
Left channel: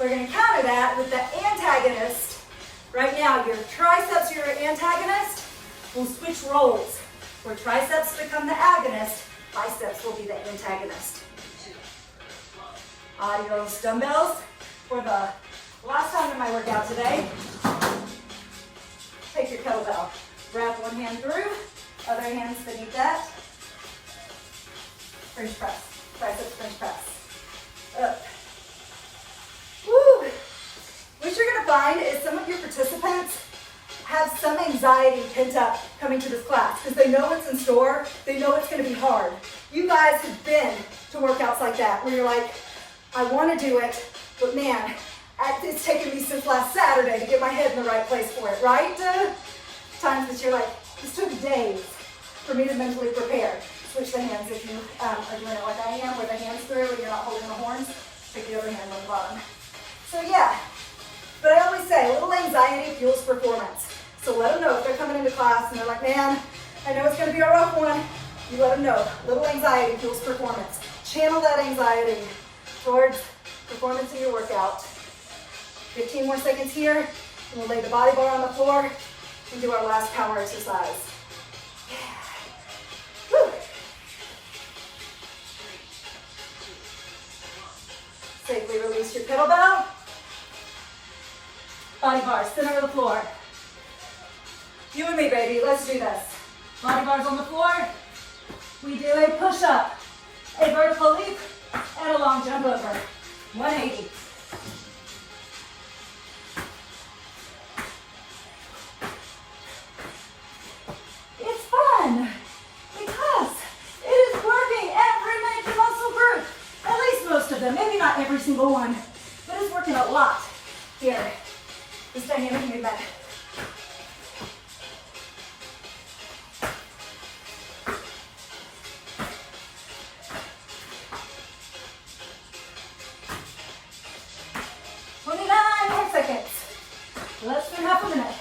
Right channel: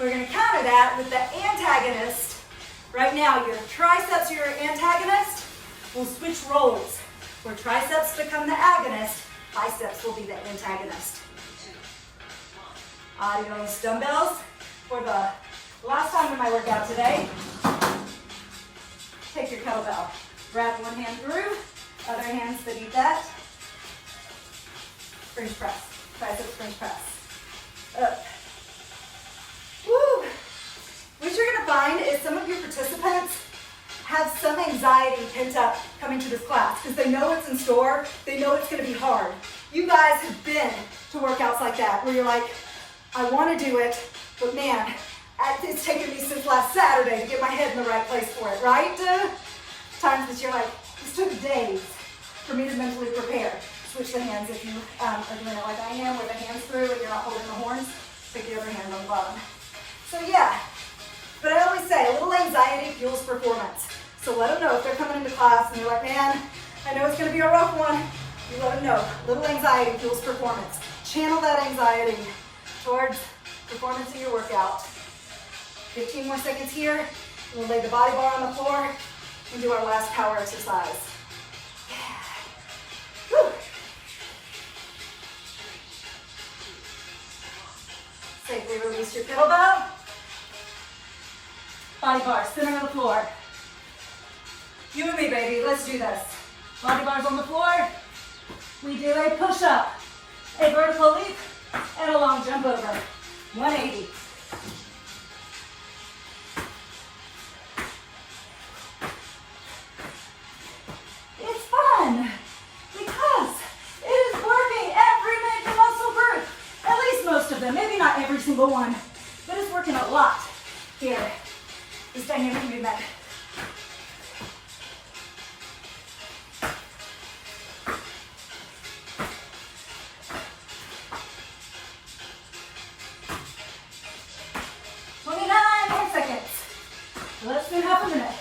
We're gonna counter that with the antagonist. Right now, your triceps are your antagonist. We'll switch roles. Where triceps become the agonist, biceps will be the antagonist. Adios, dumbbells. For the last time in my workout today, take your kettlebell. Wrap one hand through, other hand beneath that. French press, triceps French press. Up. Woo! What you're gonna find is some of your participants have some anxiety pent up coming to this class because they know what's in store, they know it's gonna be hard. You guys have been to workouts like that where you're like, I wanna do it, but man, It's taken me since last Saturday to get my head in the right place for it, right? Times that you're like, this took days for me to mentally prepare. Switch the hands if you are doing it like I am, with the hands through and you're not holding the horns. Take the other hand on the bottom. So yeah, but I always say, a little anxiety fuels performance. So let them know if they're coming into class and they're like, man, I know it's going to be a rough one. You let them know. Little anxiety fuels performance. Channel that anxiety towards performance in your workout. 15 more seconds here, and we'll lay the body bar on the floor and do our last power exercise. Whew. Safely release your kettlebell. Body bar, center of the floor. You and me, baby, let's do this. Body bars on the floor. We do a push-up, a vertical leap, and a long jump over. 180. It's fun because it is working every major muscle group. At least most of them. Maybe not every single one, but it's working a lot here. This dynamic movement. Let's do half a minute.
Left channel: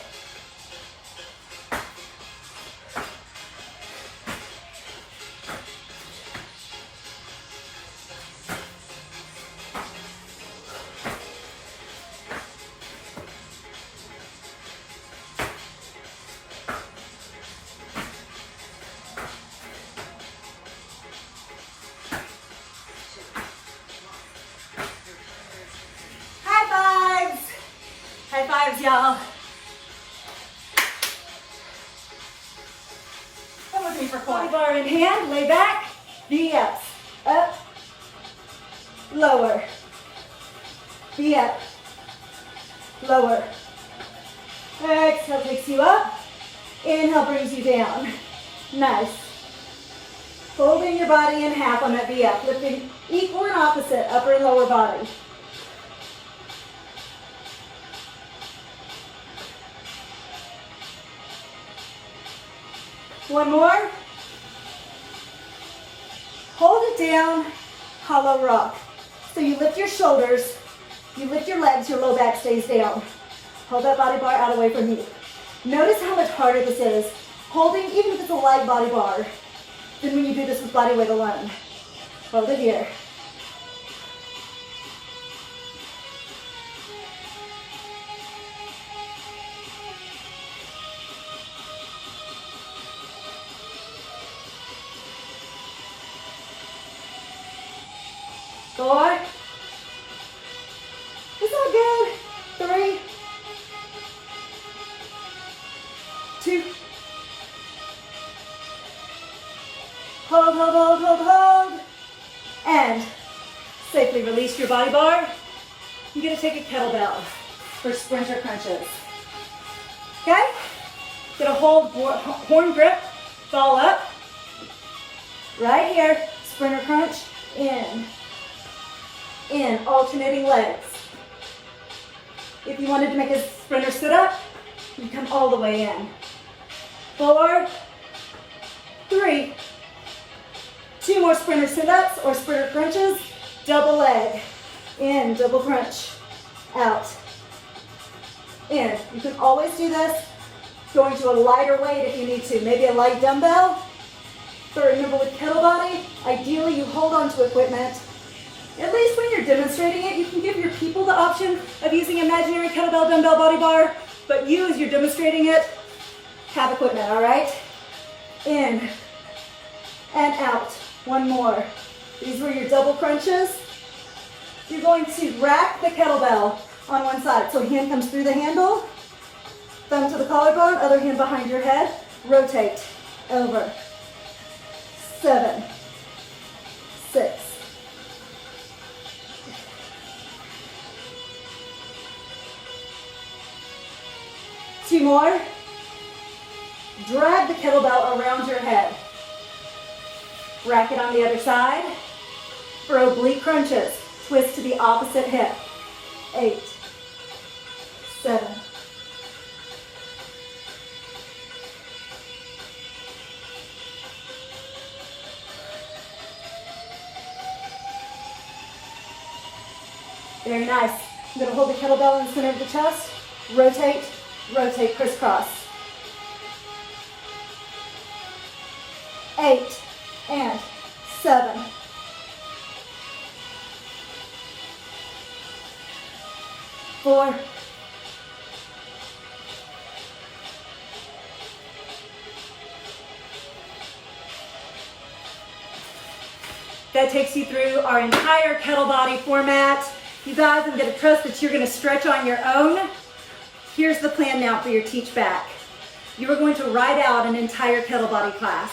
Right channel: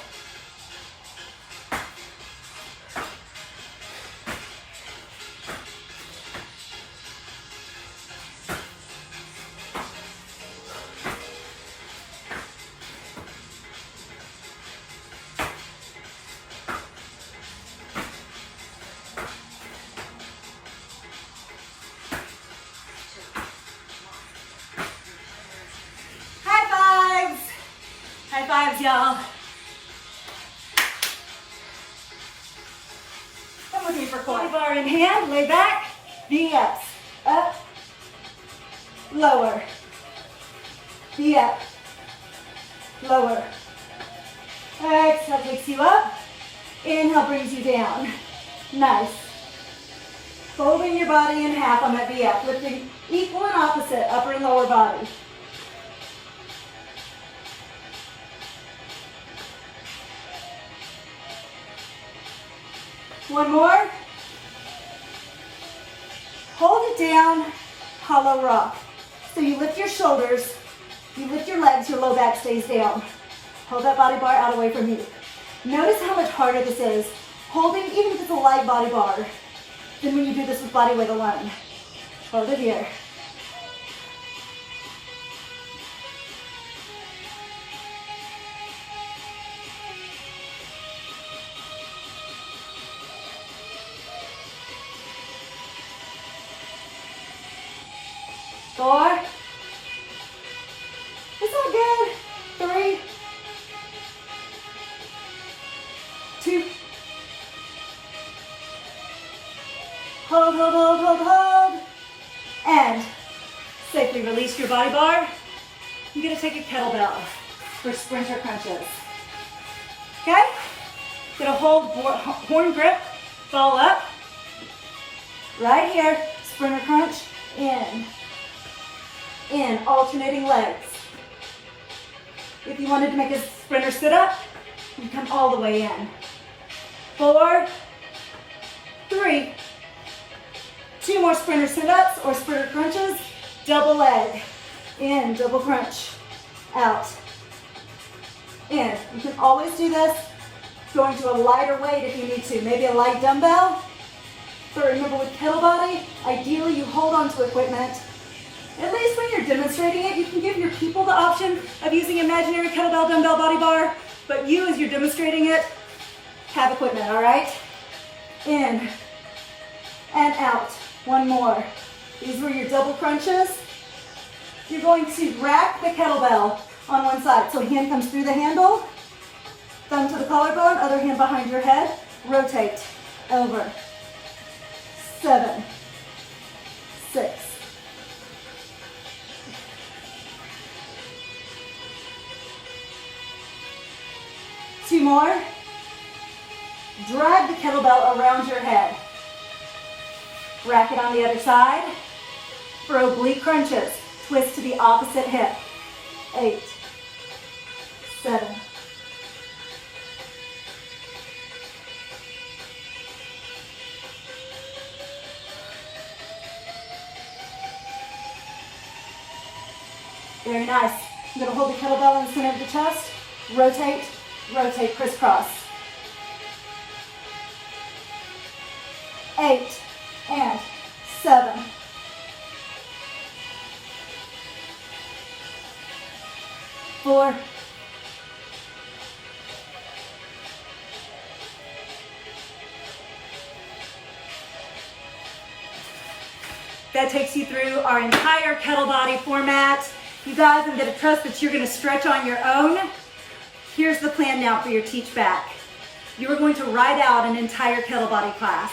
High fives, y'all. Come with me for 4. Body bar in hand, lay back, V-ups. Up, lower, V-up, lower. Exhale takes you up. Inhale brings you down. Nice. Folding your body in half on that V-up, lifting equal and opposite upper and lower body. One more. Hold it down, hollow rock. So you lift your shoulders, you lift your legs, your low back stays down. Hold that body bar out away from you. Notice how much harder this is, holding, even if it's a light body bar, than when you do this with body weight alone. Hold it here. Four. It's all good. 3, 2. Hold, hold, hold, hold, hold. And safely release your body bar. You're going to take a kettlebell for sprinter crunches. Okay? Going to hold horn grip, ball up. Right here, sprinter crunch, in, alternating legs. If you wanted to make a sprinter sit up, you come all the way in. 4, 3, 2 more sprinter sit-ups or sprinter crunches, double leg, in, double crunch, out, in. You can always do this going to a lighter weight if you need to, maybe a light dumbbell. For remember with Kettlebody, ideally you hold on to equipment. At least when you're demonstrating it, you can give your people the option of using imaginary kettlebell, dumbbell, body bar, but you, as you're demonstrating it, have equipment, all right? In and out. One more. These were your double crunches. You're going to rack the kettlebell on one side. So hand comes through the handle, thumb to the collarbone, other hand behind your head, rotate, over. 7, 6, 2 more. Drag the kettlebell around your head. Rack it on the other side. For oblique crunches, twist to the opposite hip. 8, 7. Very nice. I'm going to hold the kettlebell in the center of the chest. Rotate, rotate, crisscross. 8 and 7. 4. 'That takes you through our entire kettle body format. You guys, I'm going to trust that you're going to stretch on your own. Here's the plan now for your teach back. You are going to write out an entire kettle body class.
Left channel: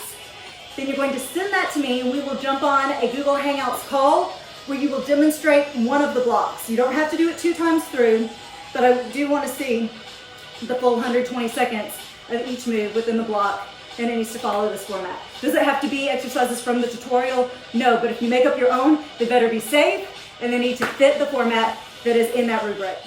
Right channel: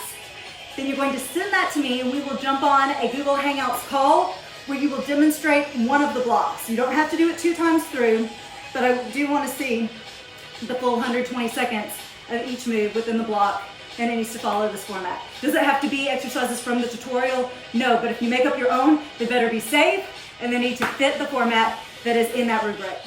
Then you're going to send that to me and we will jump on a Google Hangouts call where you will demonstrate one of the blocks. You don't have to do it 2 times through, but I do want to see the full 120 seconds of each move within the block, and it needs to follow this format. Does it have to be exercises from the tutorial? No, but if you make up your own, they better be safe and they need to fit the format that is in that rubric.